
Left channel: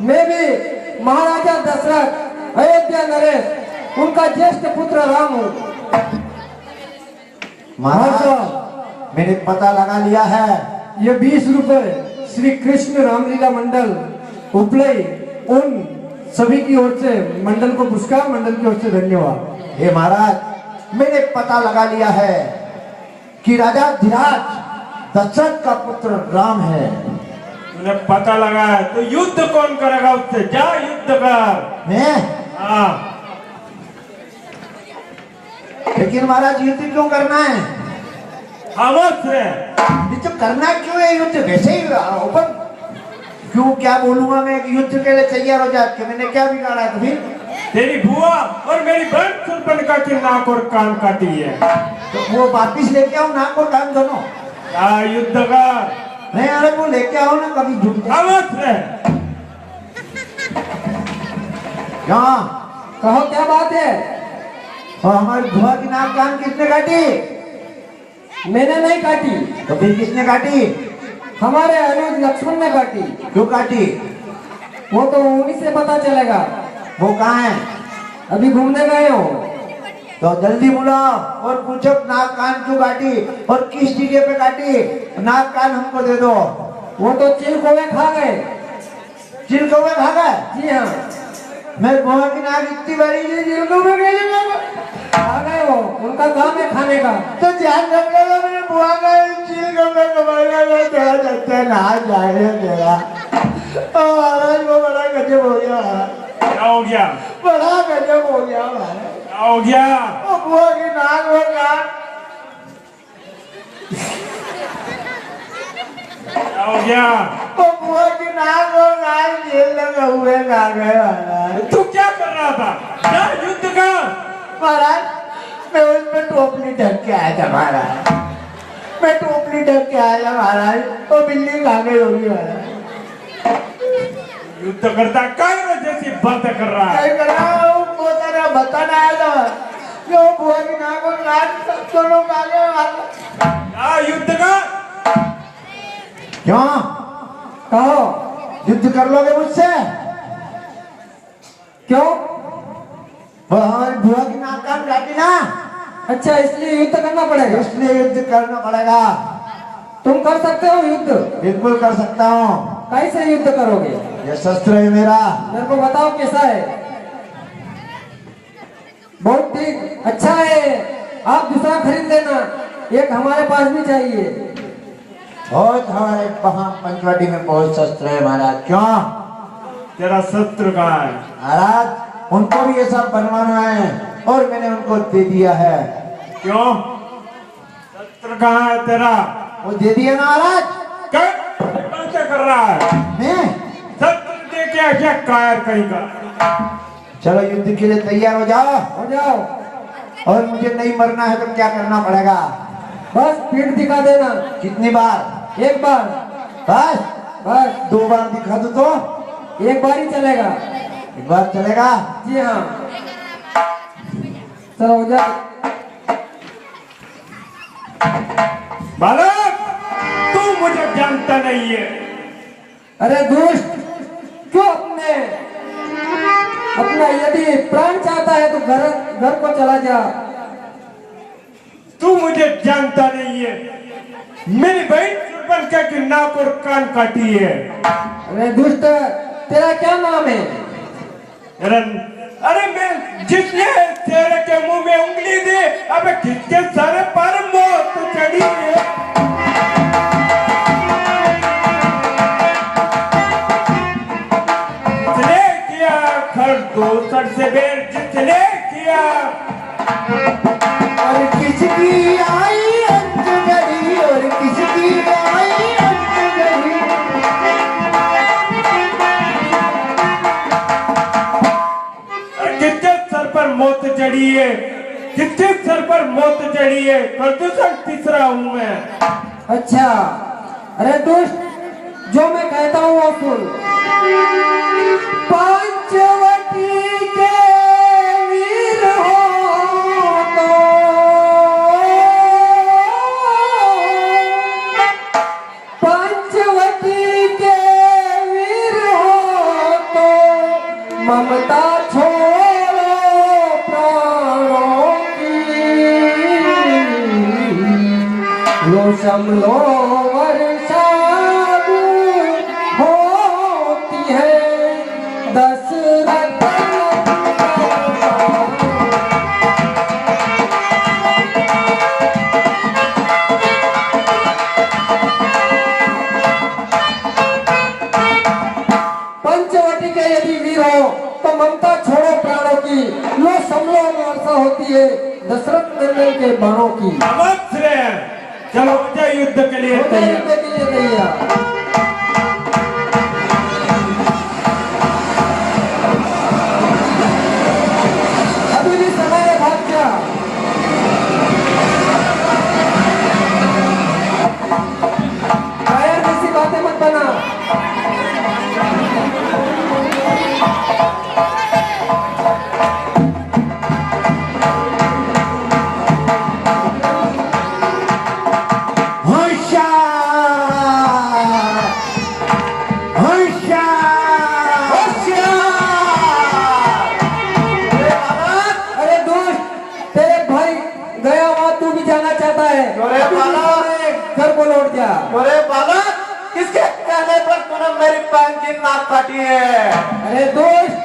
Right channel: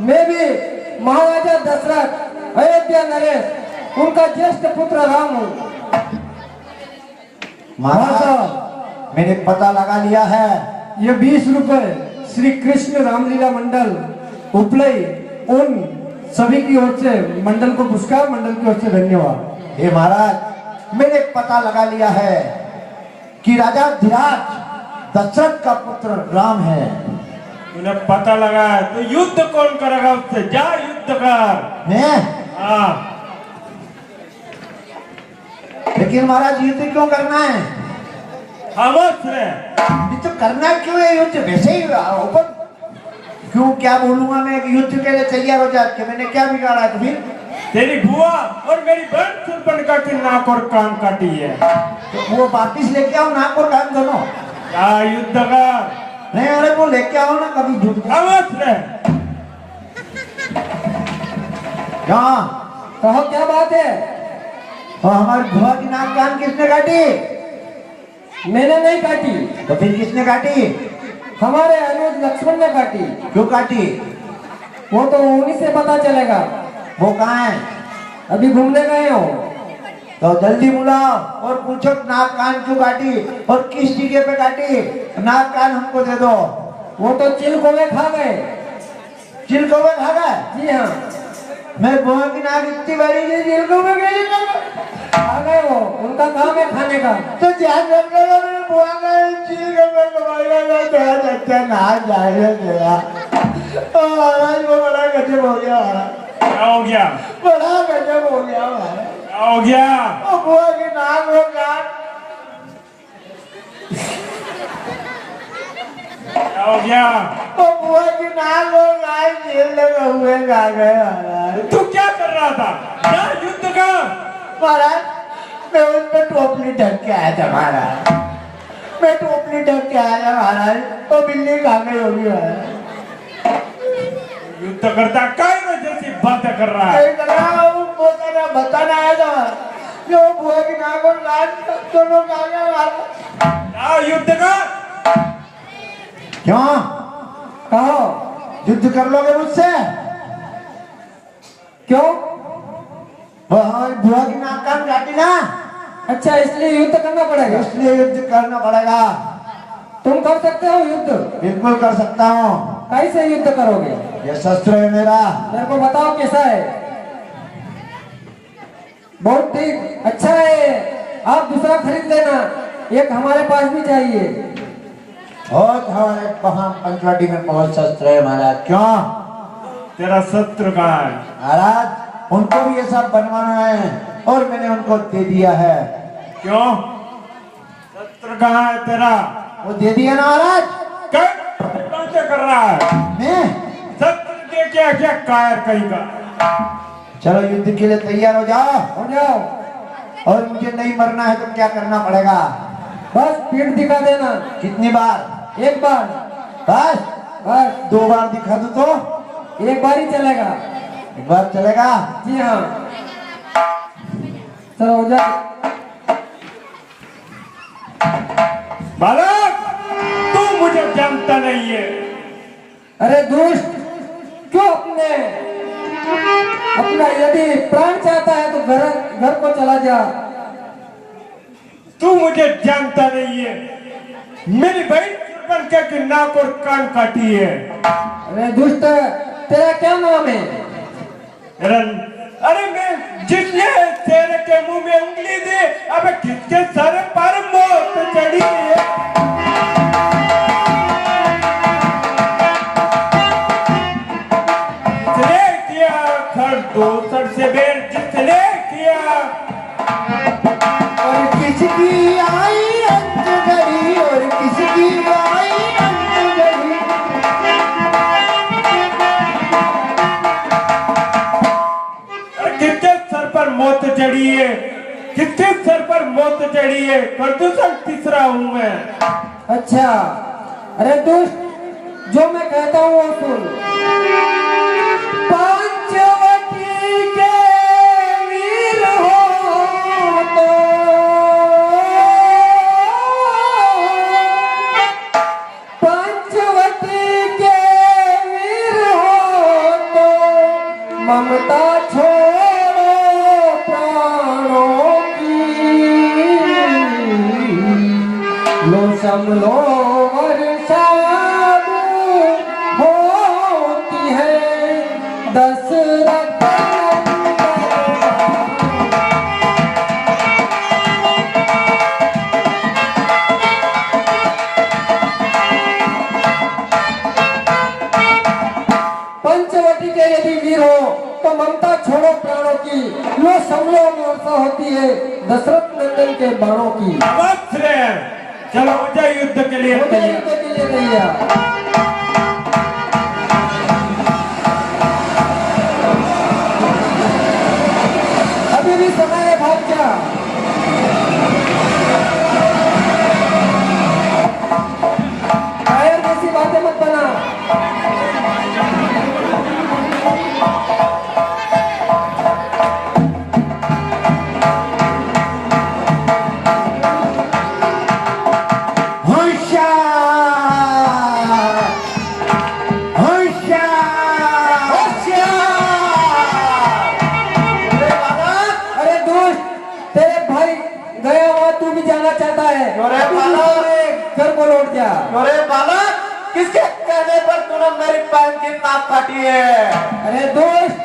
मैं भी महाराजा दशरथ अयोध्या नरेश उनका ज्येष्ठ पुत्र राम हूँ। महाराज मैंने पता लगा लिया है। ये 20 रुपए श्री कृष्ण रामलीला मंडल उपलई उन सभी की ओर से मंडल को पुरस्कार, मंडल की ओर से धन्यवाद। हे महाराज, मैंने पता लगा लिया है कि राजा धीराज दशरथ का पुत्र राम है। तूने पता लगा है तो युद्ध कौन करेगा उससे? जा युद्ध कर। मैं? हाँ, लेकिन महाराज युद्ध क्यों करना है? खामोश है। युद्ध करना क्यों है? युद्ध वैसे ही ओपन क्यों? क्या बोलूंगा मैं कि युद्ध के लिए तैयार हो जाए कि मैंने क्या बिगाड़ा तुम्हें? तेरी बुआ और मेरी बहन सुर्पणखा की नाक और कान काटी है। तो वो वापिस लेके आओ, नाक और कान दोनों। जा युद्ध कर। नहीं, अरे वो लेके आओ ना, कभी झूठ खामोश है। हाँ, कहो क्या बात है? और हमारी बुआ की नाक कान किसने काटी? मैंने नहीं काटी, तो फिर किसने काटी? हमारे अनुज लक्ष्मण ने काटी। क्यों काटी? वो तो उन्हीं से पता चलेगा। वो कहाँ है? अभी घूमने गए हो। तो जल्दी बुलाओ और पूछो नाक कान क्यों काटी और किस टीके पे काटी। नाक कान हमको दे दो। वो तो चिल कोवे खा गए। चिलको में भागा? जी हाँ, मेरे बुआ की नाक इतनी बड़ी थी, चिलको में गई ना। खा गए हो, उनका काम है खाने का। तो ध्यान रखना, मेरे बुआ का चिलको में कमाया तेरा बच्चा ना जाने तेरा। महाराज को बड़ा गजब हो गया, क्या हो गया? बड़ा गजब हो गया महाराज। क्या हो गया? और बुआ की नाक में कान, क्या हो गया? और बुआ की नाक और कान झेल लगे हुए खा गए महाराज। तू क्या कर रहा था? जा युद्ध कर। महाराज मैं उस पर टोपली ढक के आया था महाराज, मैं टोपली ढक के आया महाराज, वो बिल्ली खा गई होगी महाराज। युद्ध करता काय ना जैसी बातें कर रहा है। मैं कर रहा हूँ, वो तेरा बताना आया था जो बुआ की नाक और कान दोनों खा गए महाराज। जा युद्ध कर। क्यों? कहो युद्ध कर लोगे मुझसे? क्यों? वो हमारी बुआ की नाक कान काटी ना, अच्छा, इसलिए युद्ध करना पड़ेगा। इसलिए युद्ध करना पड़ेगा। तुम कर सकते हो युद्ध? बिल्कुल कर सकता हूँ। कैसे युद्ध करोगे? ये शस्त्र है मेरा। मेरे को बताओ कैसा है। बहुत ठीक, अच्छा है। आप दूसरा खरीद लेना, एक हमारे पास भी चाहिए। बहुत हमारे वहाँ पंचवटी में बहुत शस्त्र है महाराज। क्यों? तेरा शत्रु कहाँ है? महाराज उनको भी ये सब बनवाना है और मैंने उनको दे दिया है। क्यों? शत्रु कहाँ है तेरा? वो दे दिया ना महाराज। क्या बातें कर रहा है? मैं? शत्रु दे क्या क्या कार कहीं का? चलो युद्ध के लिए तैयार हो जाओ। हो जाओ। और मुझे नहीं मरना है तो क्या करना पड़ेगा? बस पीठ दिखा देना। कितनी बार? एक बार। बस? बस 2 बार दिखा दूं तो? एक बार ही चलेगा। एक बार चलेगा? जी हाँ। सरोजा बालक, तू मुझे जानता नहीं है। अरे दुष्ट, क्यों अपना यदि प्राण चाहता है तो घर को चला जा। तू मुझे जानता नहीं है। मेरी बहन सुर्पनखा की नाक और कान काटी है। अरे दुष्ट, तेरा क्या नाम है? अरे मैं जिसने तेरे के मुंह में उंगली दी, अब किसके सर पर मौत चढ़ी है। जिसने किया खरगोशर से बेर, जिसने किया। और किसकी आई अंत गई, और किसकी आई अंत गई। किसके सर पर मौत चढ़ी है, किसके सर पर मौत चढ़ी है। खरगोशर तीसरा हूं मैं। अच्छा, अरे दुष्ट, जो मैं कहता हूँ वो सुन। पंचवटी के वीर हो तो पंचवटी के वीर हो तो ममता छोड़ो प्राणों की। लो समलो वर्षाद होती है दशरथ। पंचवटी के यदि वीर हो तो ममता छोड़ो प्राणों की। लो समलो वर्षा होती है दशरथ नंदन के बाणों की। अवश्य, चलो हो जाए युद्ध के लिए तैयार। अभी भी समय है, भाग जा। कायर जैसी बातें मत करना। अरे दोस्त, तेरे भाई गया हुआ तू भी जाना चाहता है। घर को लौट जा। अरे बालक, किसके कहने पर तूने मेरी बहन की नाक काटी है। अरे दोस्त,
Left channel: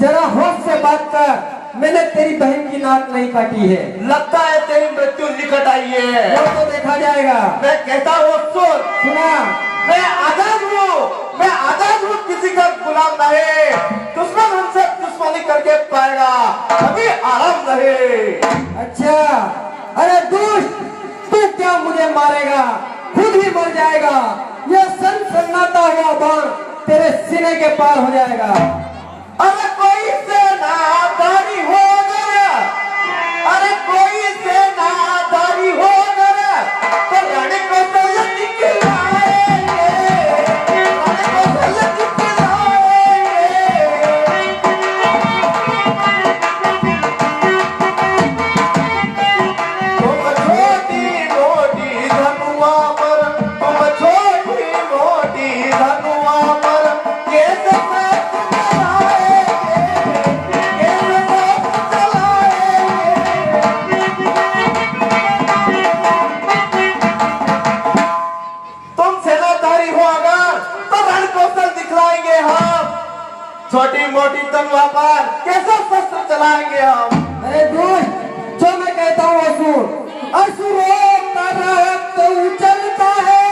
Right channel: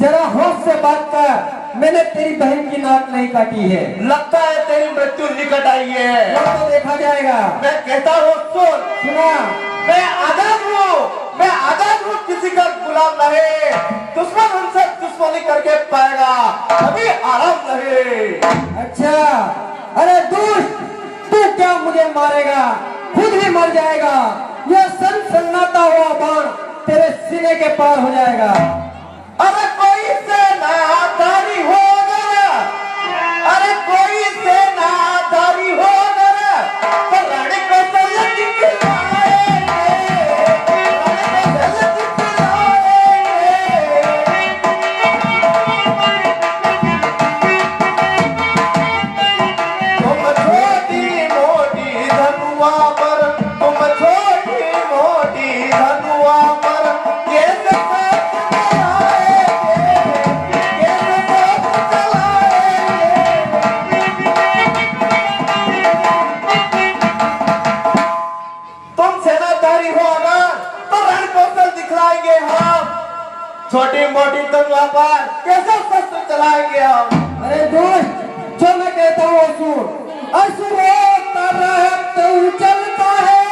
जरा होश से बात कर। मैंने तेरी बहन की नाक नहीं काटी है। लगता है तेरी मृत्यु निकट आई है। वो तो देखा जाएगा। मैं कहता हूँ सुन, सुना, मैं आजाद हूँ, किसी का गुलाम नहीं। दुश्मन हमसे दुश्मनी करके पाएगा, अभी आराम नहीं। अच्छा, अरे दुष्ट, तू क्या मुझे मारेगा? खुद ही मर जाएगा। यह सन्नाटा हुआ बाण तेरे सीने के पार हो जाएगा। अरे कोई सेनाधारी हो गया, अरे कोई सेनाधारी हो गया, तो रानी कौशल्या दिखलाएंगे, रानी कौशल्या दिखलाएंगे। तुम छोटी मोटी धनुआ पर, तुम छोटी मोटी धनुआ पर कैसे छोटी मोटी तलवार पर कैसे शस्त्र चलाएंगे हम। अरे दोस्त, जो मैं कहता हूँ वो सुन। असुरों का रक्त चलता है,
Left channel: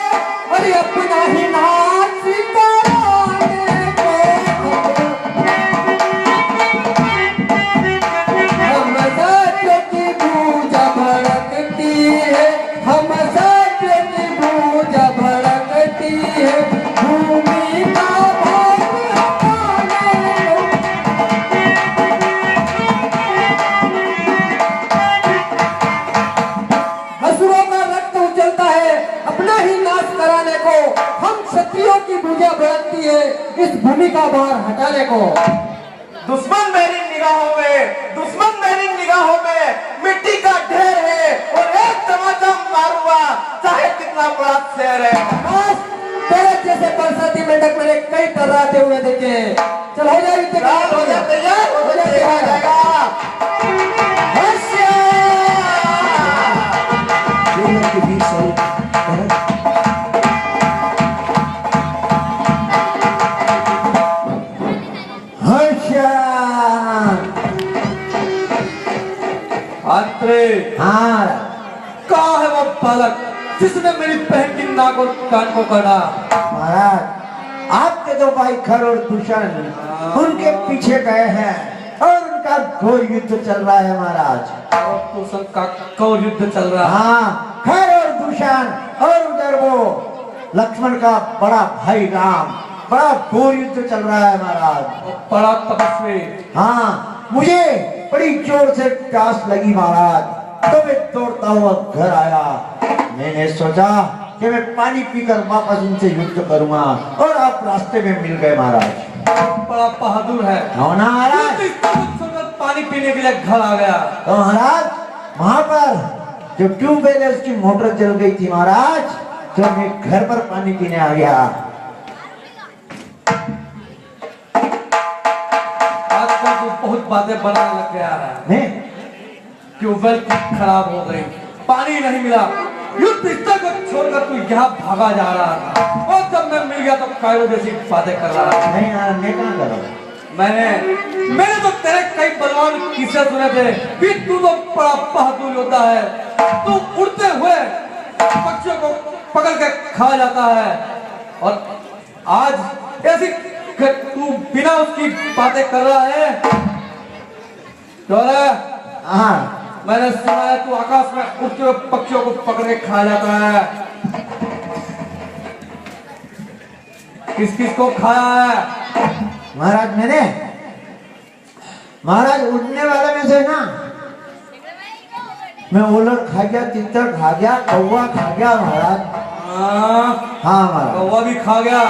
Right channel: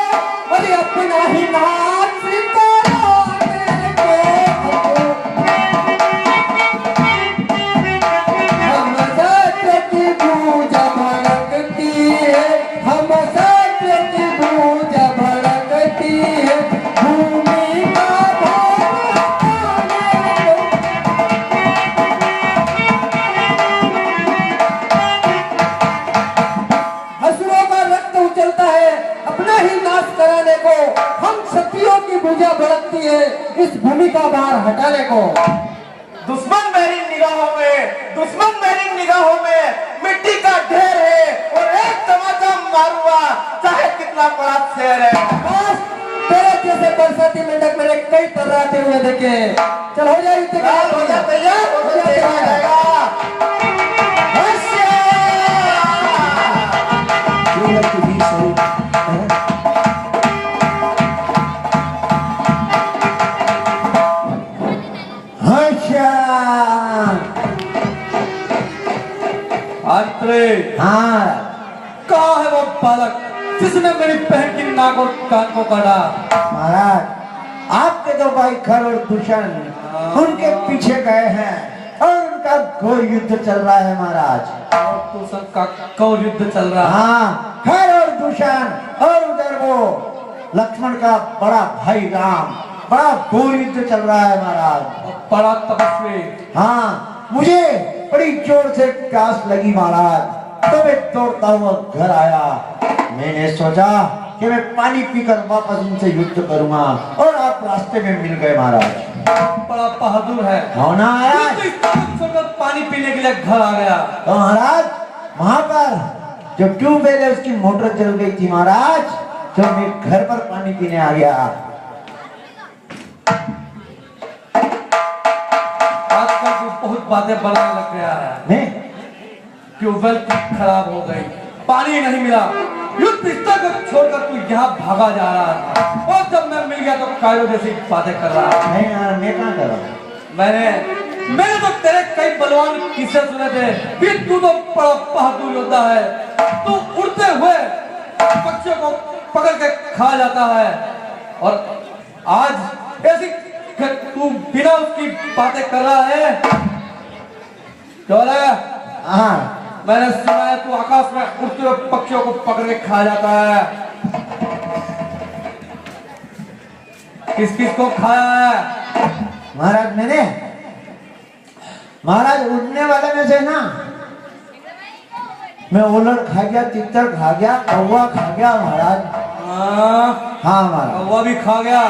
अरे अपना ही नाच सितारे को। हम सत्य की पूजा भड़कती है, हम सत्य की पूजा भड़कती है। भूमि का असुरों का रक्त उछलता है, अपना ही नाश कराने को। हम क्षत्रियों की भुजा भड़कती है, इस भूमि का भार हटाने को। दुश्मन मेरी निगाहों में उधर के बीच से अच्छा अंतरे हाँ कहाँ है वो बालक जिसने मेरी बहन की नाक और कान को काटा? महाराज आपके तो भाई खर और भूषण उनके पीछे गए हैं और उनका घोर युद्ध चल रहा है महाराज। और तो सबका कौर युद्ध चल रहा है। हाँ खर और भूषण और उधर वो लक्ष्मण का बड़ा भाई राम बड़ा घोर युद्ध चल रहा है महाराज। और बड़ा तपस्वी। हाँ मुझे बड़ी जोर से प्यास लगी महाराज तो मैं दौड़ता हुआ घर आया। मैंने सोचा कि मैं पानी पीकर वापस उनसे युद्ध करूंगा और आप रास्ते में मिल गए महाराज। बड़ा बहादुर है। हो ना महाराज? छोड़कर पानी पीने के लिए घर आ गया। तो महाराज वहां पर जो ट्यूबवेल है उसकी मोटर जल गई थी महाराज तो मैं घर पर पानी पीने आ गया। आजकल तो बहुत बातें बढ़ने लग गया है। मैं ट्यूबवेल खराब हो गई, पानी नहीं मिला, युद्ध स्थल को छोड़कर तू यहाँ भागा जा रहा था और जब मैं मिल गया तो कायरों जैसी बातें कर रहा था। नहीं यार मैं क्या करूं? मैंने तो तेरे कई बलवान किस्से सुने थे कि तू तो बड़ा बहादुर योद्धा है। तू उड़ते हुए पक्षियों को पकड़ के खा जाता है और आज ऐसी तू बिना उसकी बातें कर रहा है। तो हाँ मैंने सुना है तू आकाश में उड़ते हुए पक्षियों को पकड़ के खा जाता है। किस किस को खाया है? महाराज मैंने महाराज उड़ने वाले में से ना मैं उलट खा गया, तितर खा गया, कौवा खा गया महाराज। हाँ महाराज कौवा भी खा गया।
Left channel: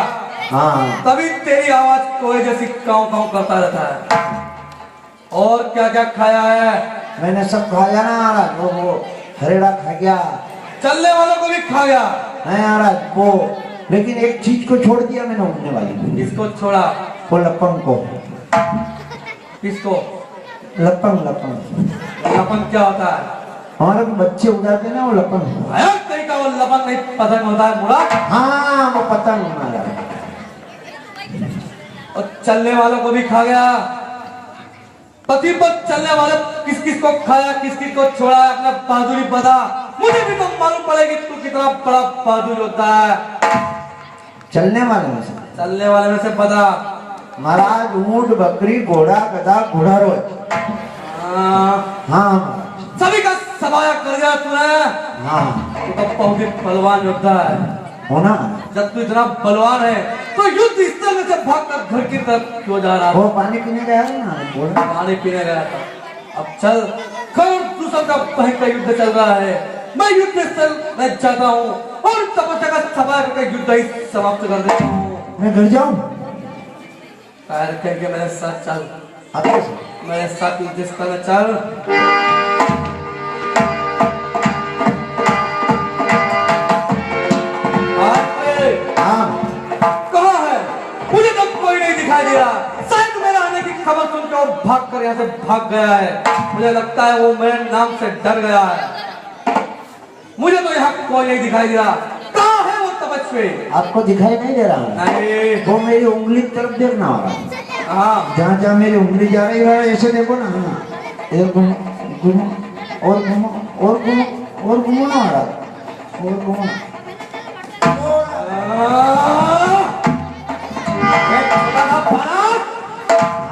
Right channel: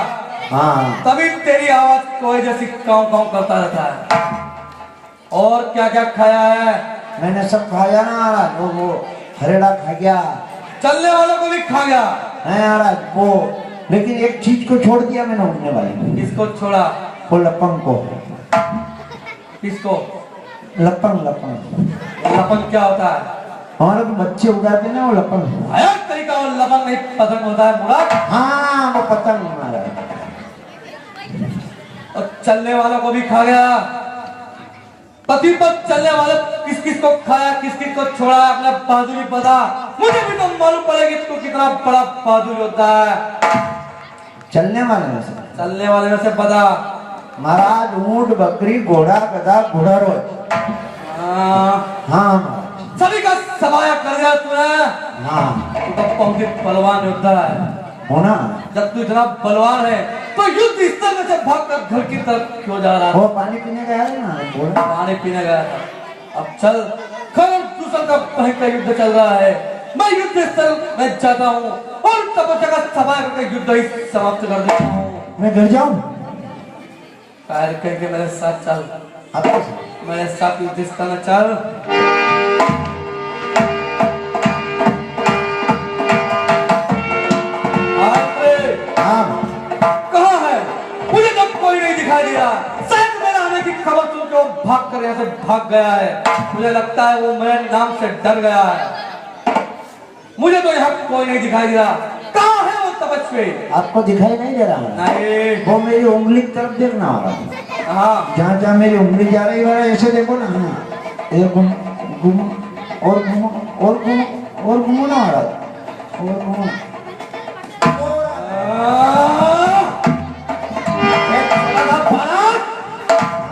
हाँ तभी तेरी आवाज कोई जैसी काव काव करता रहता है। और क्या क्या खाया है? मैंने सब खाया ना महाराज। वो हरेड़ा खा गया, चलने वालों को भी खा गया। है महाराज वो, लेकिन एक चीज को छोड़ दिया मैंने उड़ने वाली। किसको छोड़ा? वो लपंग को। किसको? लपंग लपंग लपंग क्या होता है? हमारे को बच्चे उड़ाते ना वो लपंग। अरे तरीका वो लपंग नहीं पसंद होता है मुड़ा। हाँ वो पता नहीं महाराज। और चलने वालों को भी खा गया। पति पर चलने वाले किस किस को खाया, किस किस को छोड़ा, अपना बहादुरी बता। मुझे भी तो मालूम पड़ेगी तू कितना बड़ा बहादुर होता है। चलने वाले में से चलने वाले में से बता। महाराज ऊंट, बकरी, घोड़ा, गधा, घोड़ारोज। हाँ सभी का सफाया कर दिया तूने। हाँ तू तो बहुत ही बलवान योद्धा है। होना। जब तू इतना बलवान है तो युद्ध स्थल में से भागकर घर की तरफ क्यों जा रहा? वो पानी पीने गया है ना बोला। पानी पीने गया था। अब चल खबर दूसरा का कहीं का युद्ध चल रहा है। मैं युद्ध स्थल में जाता हूँ और तपस्या का सफाया करके युद्ध ही समाप्त कर देता हूँ। मैं घर जाऊं? पैर करके मेरे साथ चल। आपके मेरे साथ युद्ध स्थल में चल। हाँ कहाँ है? मुझे तो कोई नहीं दिखाई दे रहा। शायद मेरे आने की खबर सुनकर वो भाग कर यहाँ से भाग गया है। मुझे लगता है वो मेरे नाम से डर गया है। मुझे तो यहाँ कोई नहीं दिखाई दे रहा। कहाँ है वो तपस्वी? आपको दिखाई नहीं दे रहा? नहीं। वो मेरी उंगली की तरफ देखना होगा। हाँ जहाँ जहाँ मेरी उंगली जा रही है ऐसे देखो ना। एक घूमो और घूमो और घूमो और घूमो ना महाराज और घूमो।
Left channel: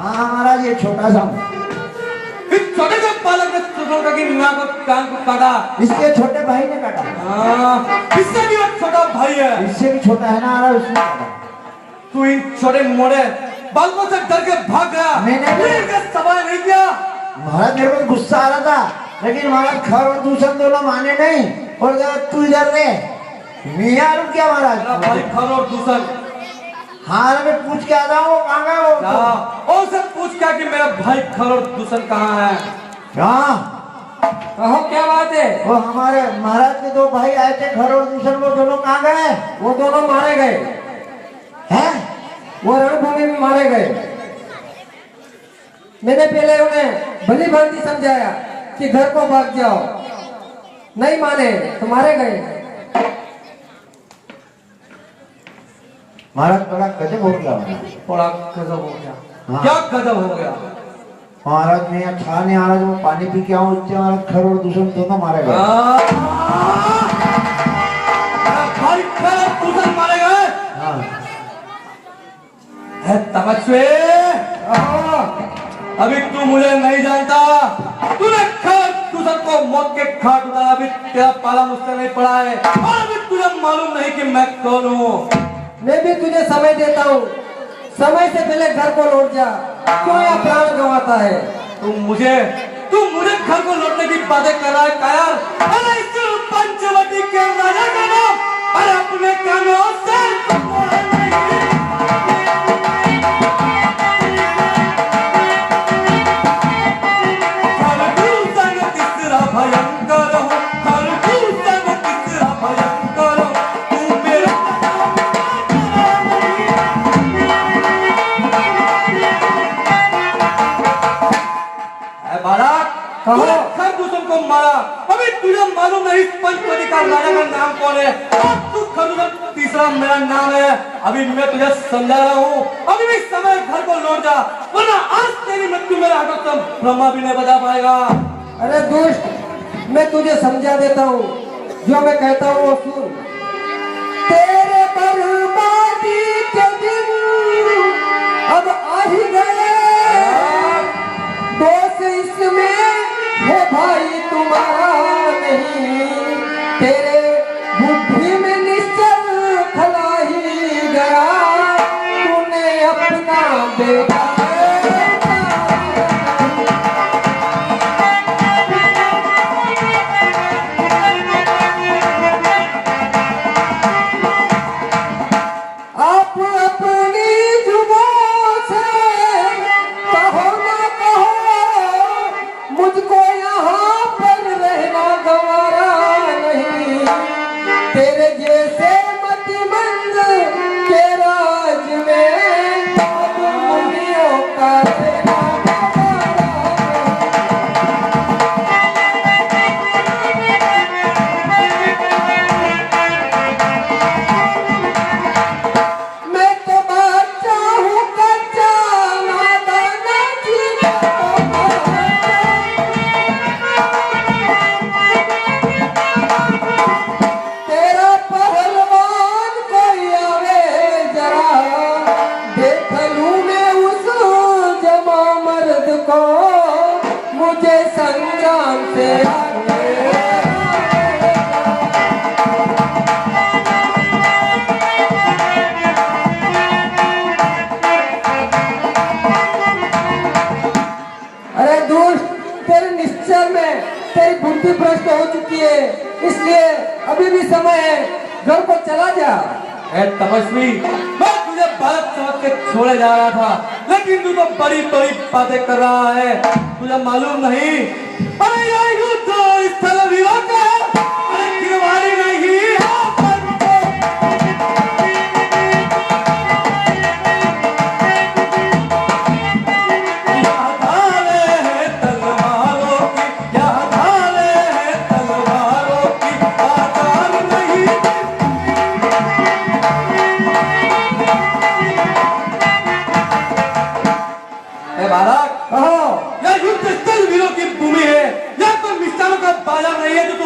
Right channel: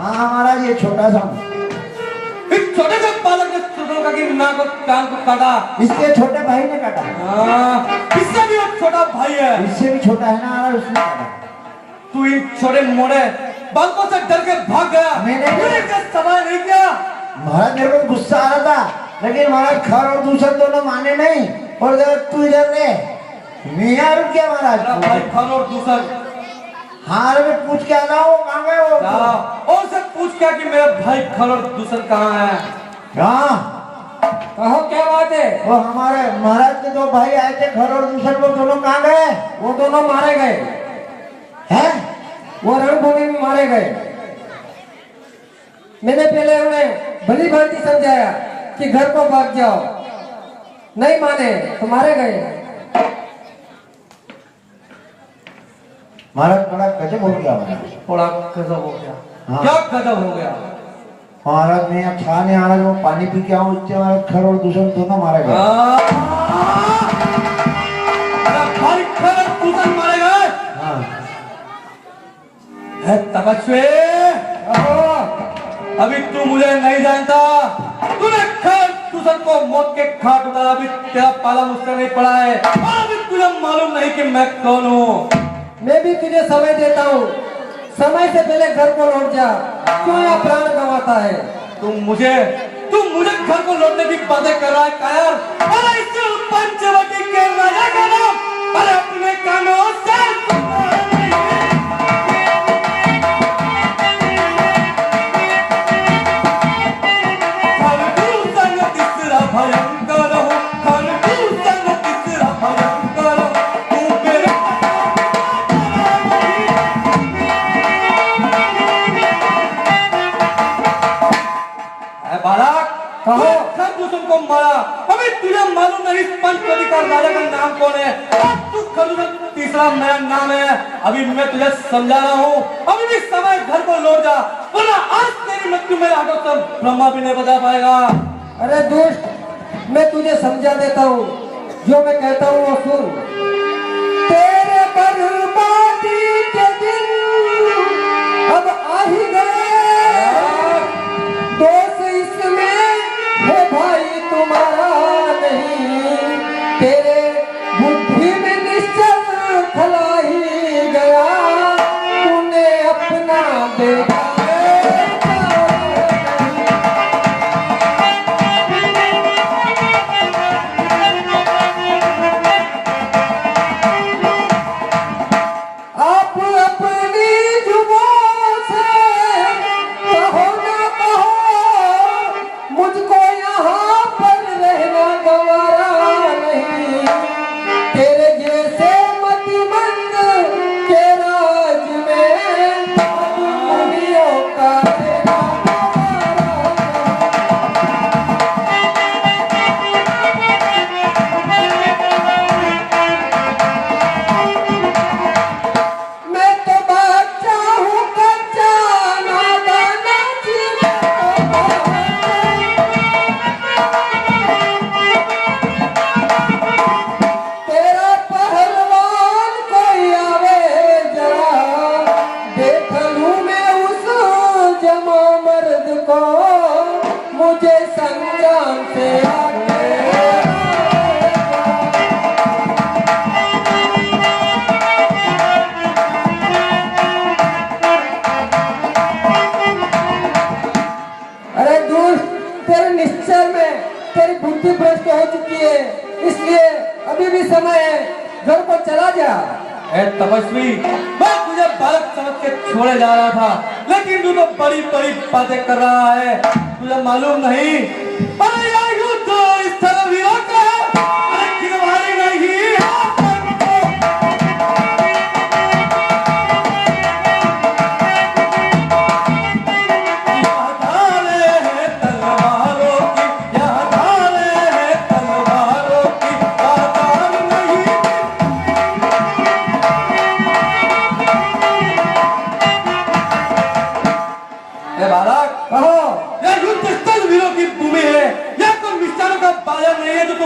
हाँ महाराज ये छोटा सा इस छोटे से बालक ने सुनोगा कि नाक और कान को काटा। इसके छोटे भाई ने काटा। इससे भी एक छोटा भाई है। इससे भी छोटा है ना महाराज उसने काटा। तू इन छोटे मोड़े बालकों से डर के भाग गया। मैंने सवाल नहीं किया। महाराज मेरे को गुस्सा आ रहा था लेकिन महाराज खर और दूसर दोनों माने नहीं और जरा तू इधर रहे। मैं यहाँ रुक गया महाराज। खर और दूसर हाँ मैं पूछ के आ रहा हूँ कहाँ गया वो? और से पूछ क्या कि मेरा भाई खर और दूसर कहाँ है? हाँ कहो क्या बात है? वो हमारे महाराज के दो भाई आए थे खर और दूसर वो दोनों कहाँ गए? वो दोनों मारे गए हैं? वो रणभूमि में मारे गए। मैंने पहले उन्हें भली भांति समझाया कि घर को भाग जाओ नहीं माने तो मारे गए। महाराज बड़ा गजब हो गया महाराज। बड़ा गजब हो गया। हाँ। क्या गजब हो गया? महाराज ने यहाँ छाने महाराज वो पानी पी के आऊँ उससे महाराज खर और दूषण दोनों मारे गए। दूषण मारे गए। हाँ तपस्वी, अभी तू मुझे नहीं जानता। तूने खर दूषण को मौत के घाट उतारा। अभी तेरा पाला मुझसे नहीं पड़ा है। अभी तुझे मालूम नहीं कि मैं कौन हूँ। मैं भी तुझे समय देता हूँ। समय से पहले घर को लौट जा। क्यों यह प्राण गंवाता है? तुम मुझे घर को लौटने की बातें कर रहा है कायर? अरे इस पंचवटी के राजा का नाम अरे अपने कानों से को मारा। अभी तुझे मालूम नहीं पंचवटी का राजा का नाम कौन है? तू खरदूषण तीसरा मेरा नाम है। अभी मैं तुझे समझा रहा हूँ। अभी भी समय घर को लौट जा, वरना आज तेरी मृत्यु मेरे हाथों से ब्रह्मा भी नहीं बचा पाएगा। अरे दुष्ट, मैं तुझे समझा देता हूँ। जो मैं कहता हूँ वो सुन। तेरे बर्बादी के दिन अब आ ही गए। दोष इसमें है भाई तुम्हारा नहीं, तेरे बुद्धि में निश्चल खला ही गया। तूने अपना बेटा आप अपनी जुबान से कहो ना कहो, मुझको यहाँ पर रहना गवारा नहीं। तेरे जैसे मतिमंद के राज में अब मुनियों का रहना मैं तो बच्चा हूँ कच्चा नादान जीता। तेरा पहलवान कोई आवे जरा, देख लूं मैं उस जमा मर्द को, मुझे संग्राम से आगे। अरे दुष्ट, तेरे निश्चय में तेरी बुद्धि भ्रष्ट हो चुकी है, इसलिए अभी भी समय है, घर को चला जा। तपस्वी, मैं तुझे बालक समझ के छोड़े जा रहा था, लेकिन तू तो बड़ी बड़ी बातें कर रहा है। तुझे मालूम नहीं? अरे यार युद्ध इस तरह वीरों का है, अरे हमारी नहीं।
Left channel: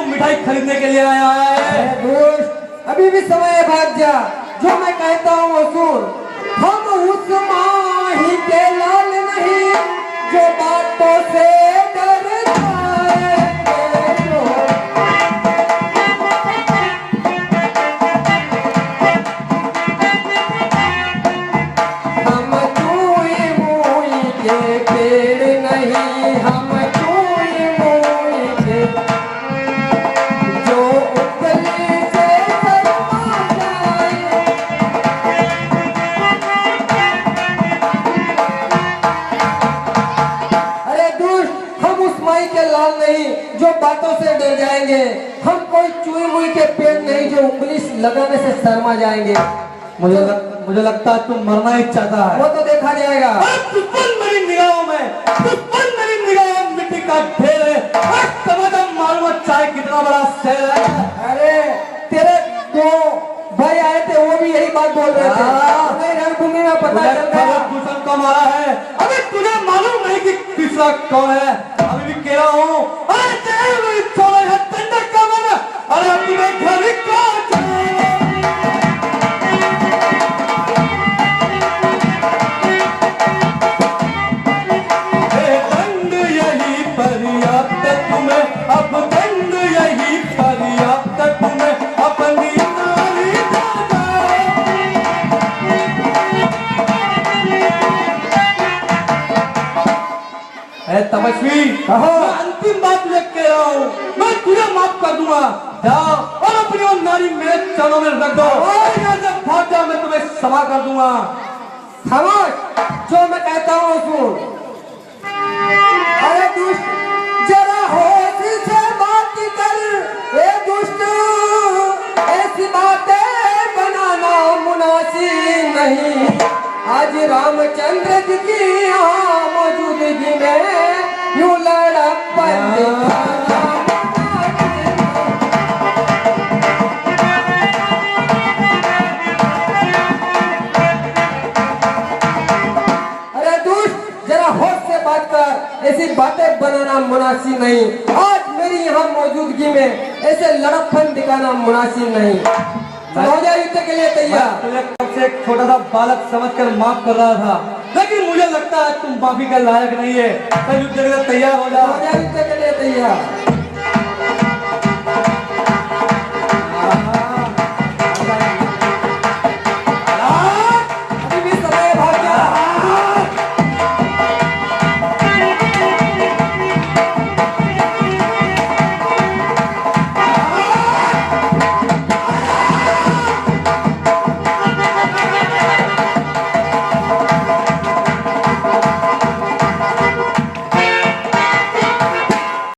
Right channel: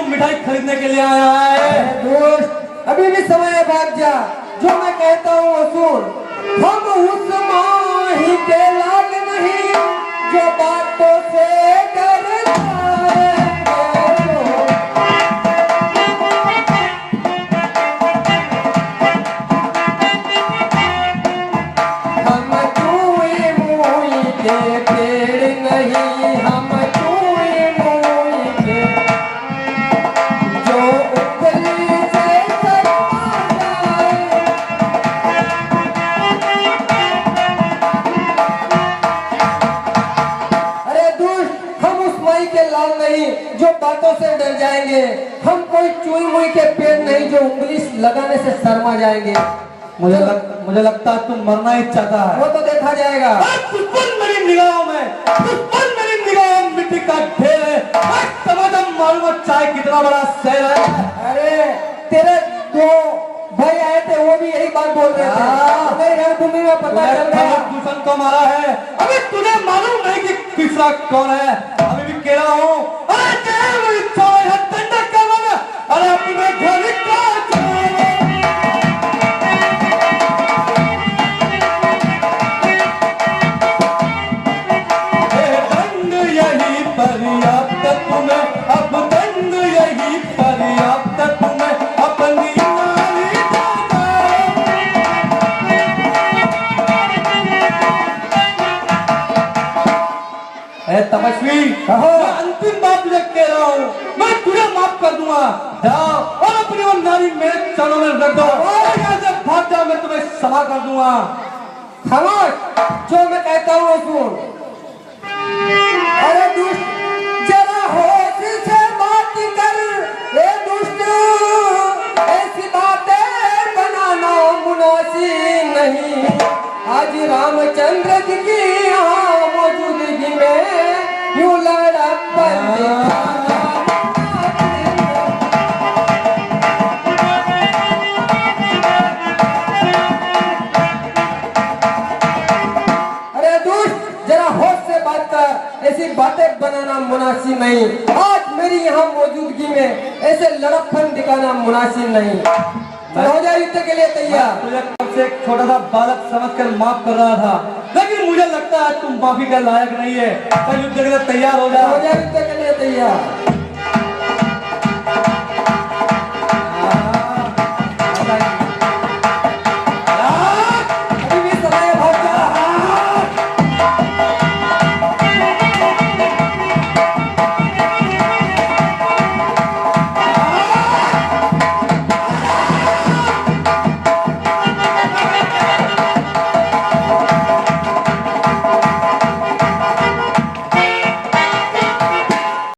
मिठाई खरीदने के लिए आया है। दोस्त, अभी भी समय है, भाग जा। जो मैं कहता हूँ वो सुन। हम उस माही के लाल नहीं जो बातों से डरता है। हम चूई मूई के पेड़ नहीं, हम चूई मूई के जो ऊपरी से शर्मा जाए। अरे दुष्ट, हम उस माई के लाल नहीं जो बातों से डर जाएंगे। हम कोई चुई मुई के पेड़ नहीं जो उंगली लगाने से शर्मा जाएंगे। मुझे लगता तुम मरना ही चाहता है। वो तो देखा जाएगा। मेरी निगाहों में मिट्टी का ढेर है। मालूम मालूम है चाय कितना बड़ा शहर है। अरे तेरे दो भाई आए थे, वो भी यही बात बोल रहे थे। नहीं घर घूमेगा पता तूने चल गया। खबर दूषण को मारा है। अबे तुझे मालूम नहीं कि तीसरा कौन है? अभी भी कह रहा हूँ, अरे तेरे में छोड़ है तंडर का मन। अरे तुम्हें घर का दंड यही पर्याप्त तुम्हें, अब दंड यही पर्याप्त तुम्हें अपनी नारी दादा। तपस्वी कहो, अंतिम बात मैं कह रहा हूँ, मैं तुझे माफ कर दूंगा। जाओ और अपनी वो नारी मेरे चरणों में रख दो और यहाँ से भाग जाओ, मैं तुम्हें क्षमा कर दूंगा। खामोश, जो मैं कहता हूँ सुन। अरे दुष्ट, जरा होश से बात कर। ए दुष्ट, ऐसी बातें बनाना मुनासिब नहीं। आज रामचंद्र जी की यहाँ मौजूदगी में यूं लड़प्पन दिखाना। अरे दुष्ट, जरा होश से बात कर। ऐसी बातें बनाना मुनासिब नहीं। आज मेरी यहाँ मौजूदगी में ऐसे लड़प्पन दिखाना मुनासिब नहीं। हो जाए युद्ध के लिए तैयार। तुझे कब से एक छोटा सा बालक समझकर माफ कर रहा था, लेकिन मुझे लगता है तुम माफी का लायक नहीं है। तो युद्ध के लिए तैयार हो हो जाओ। जाए युद्ध के लिए तैयार।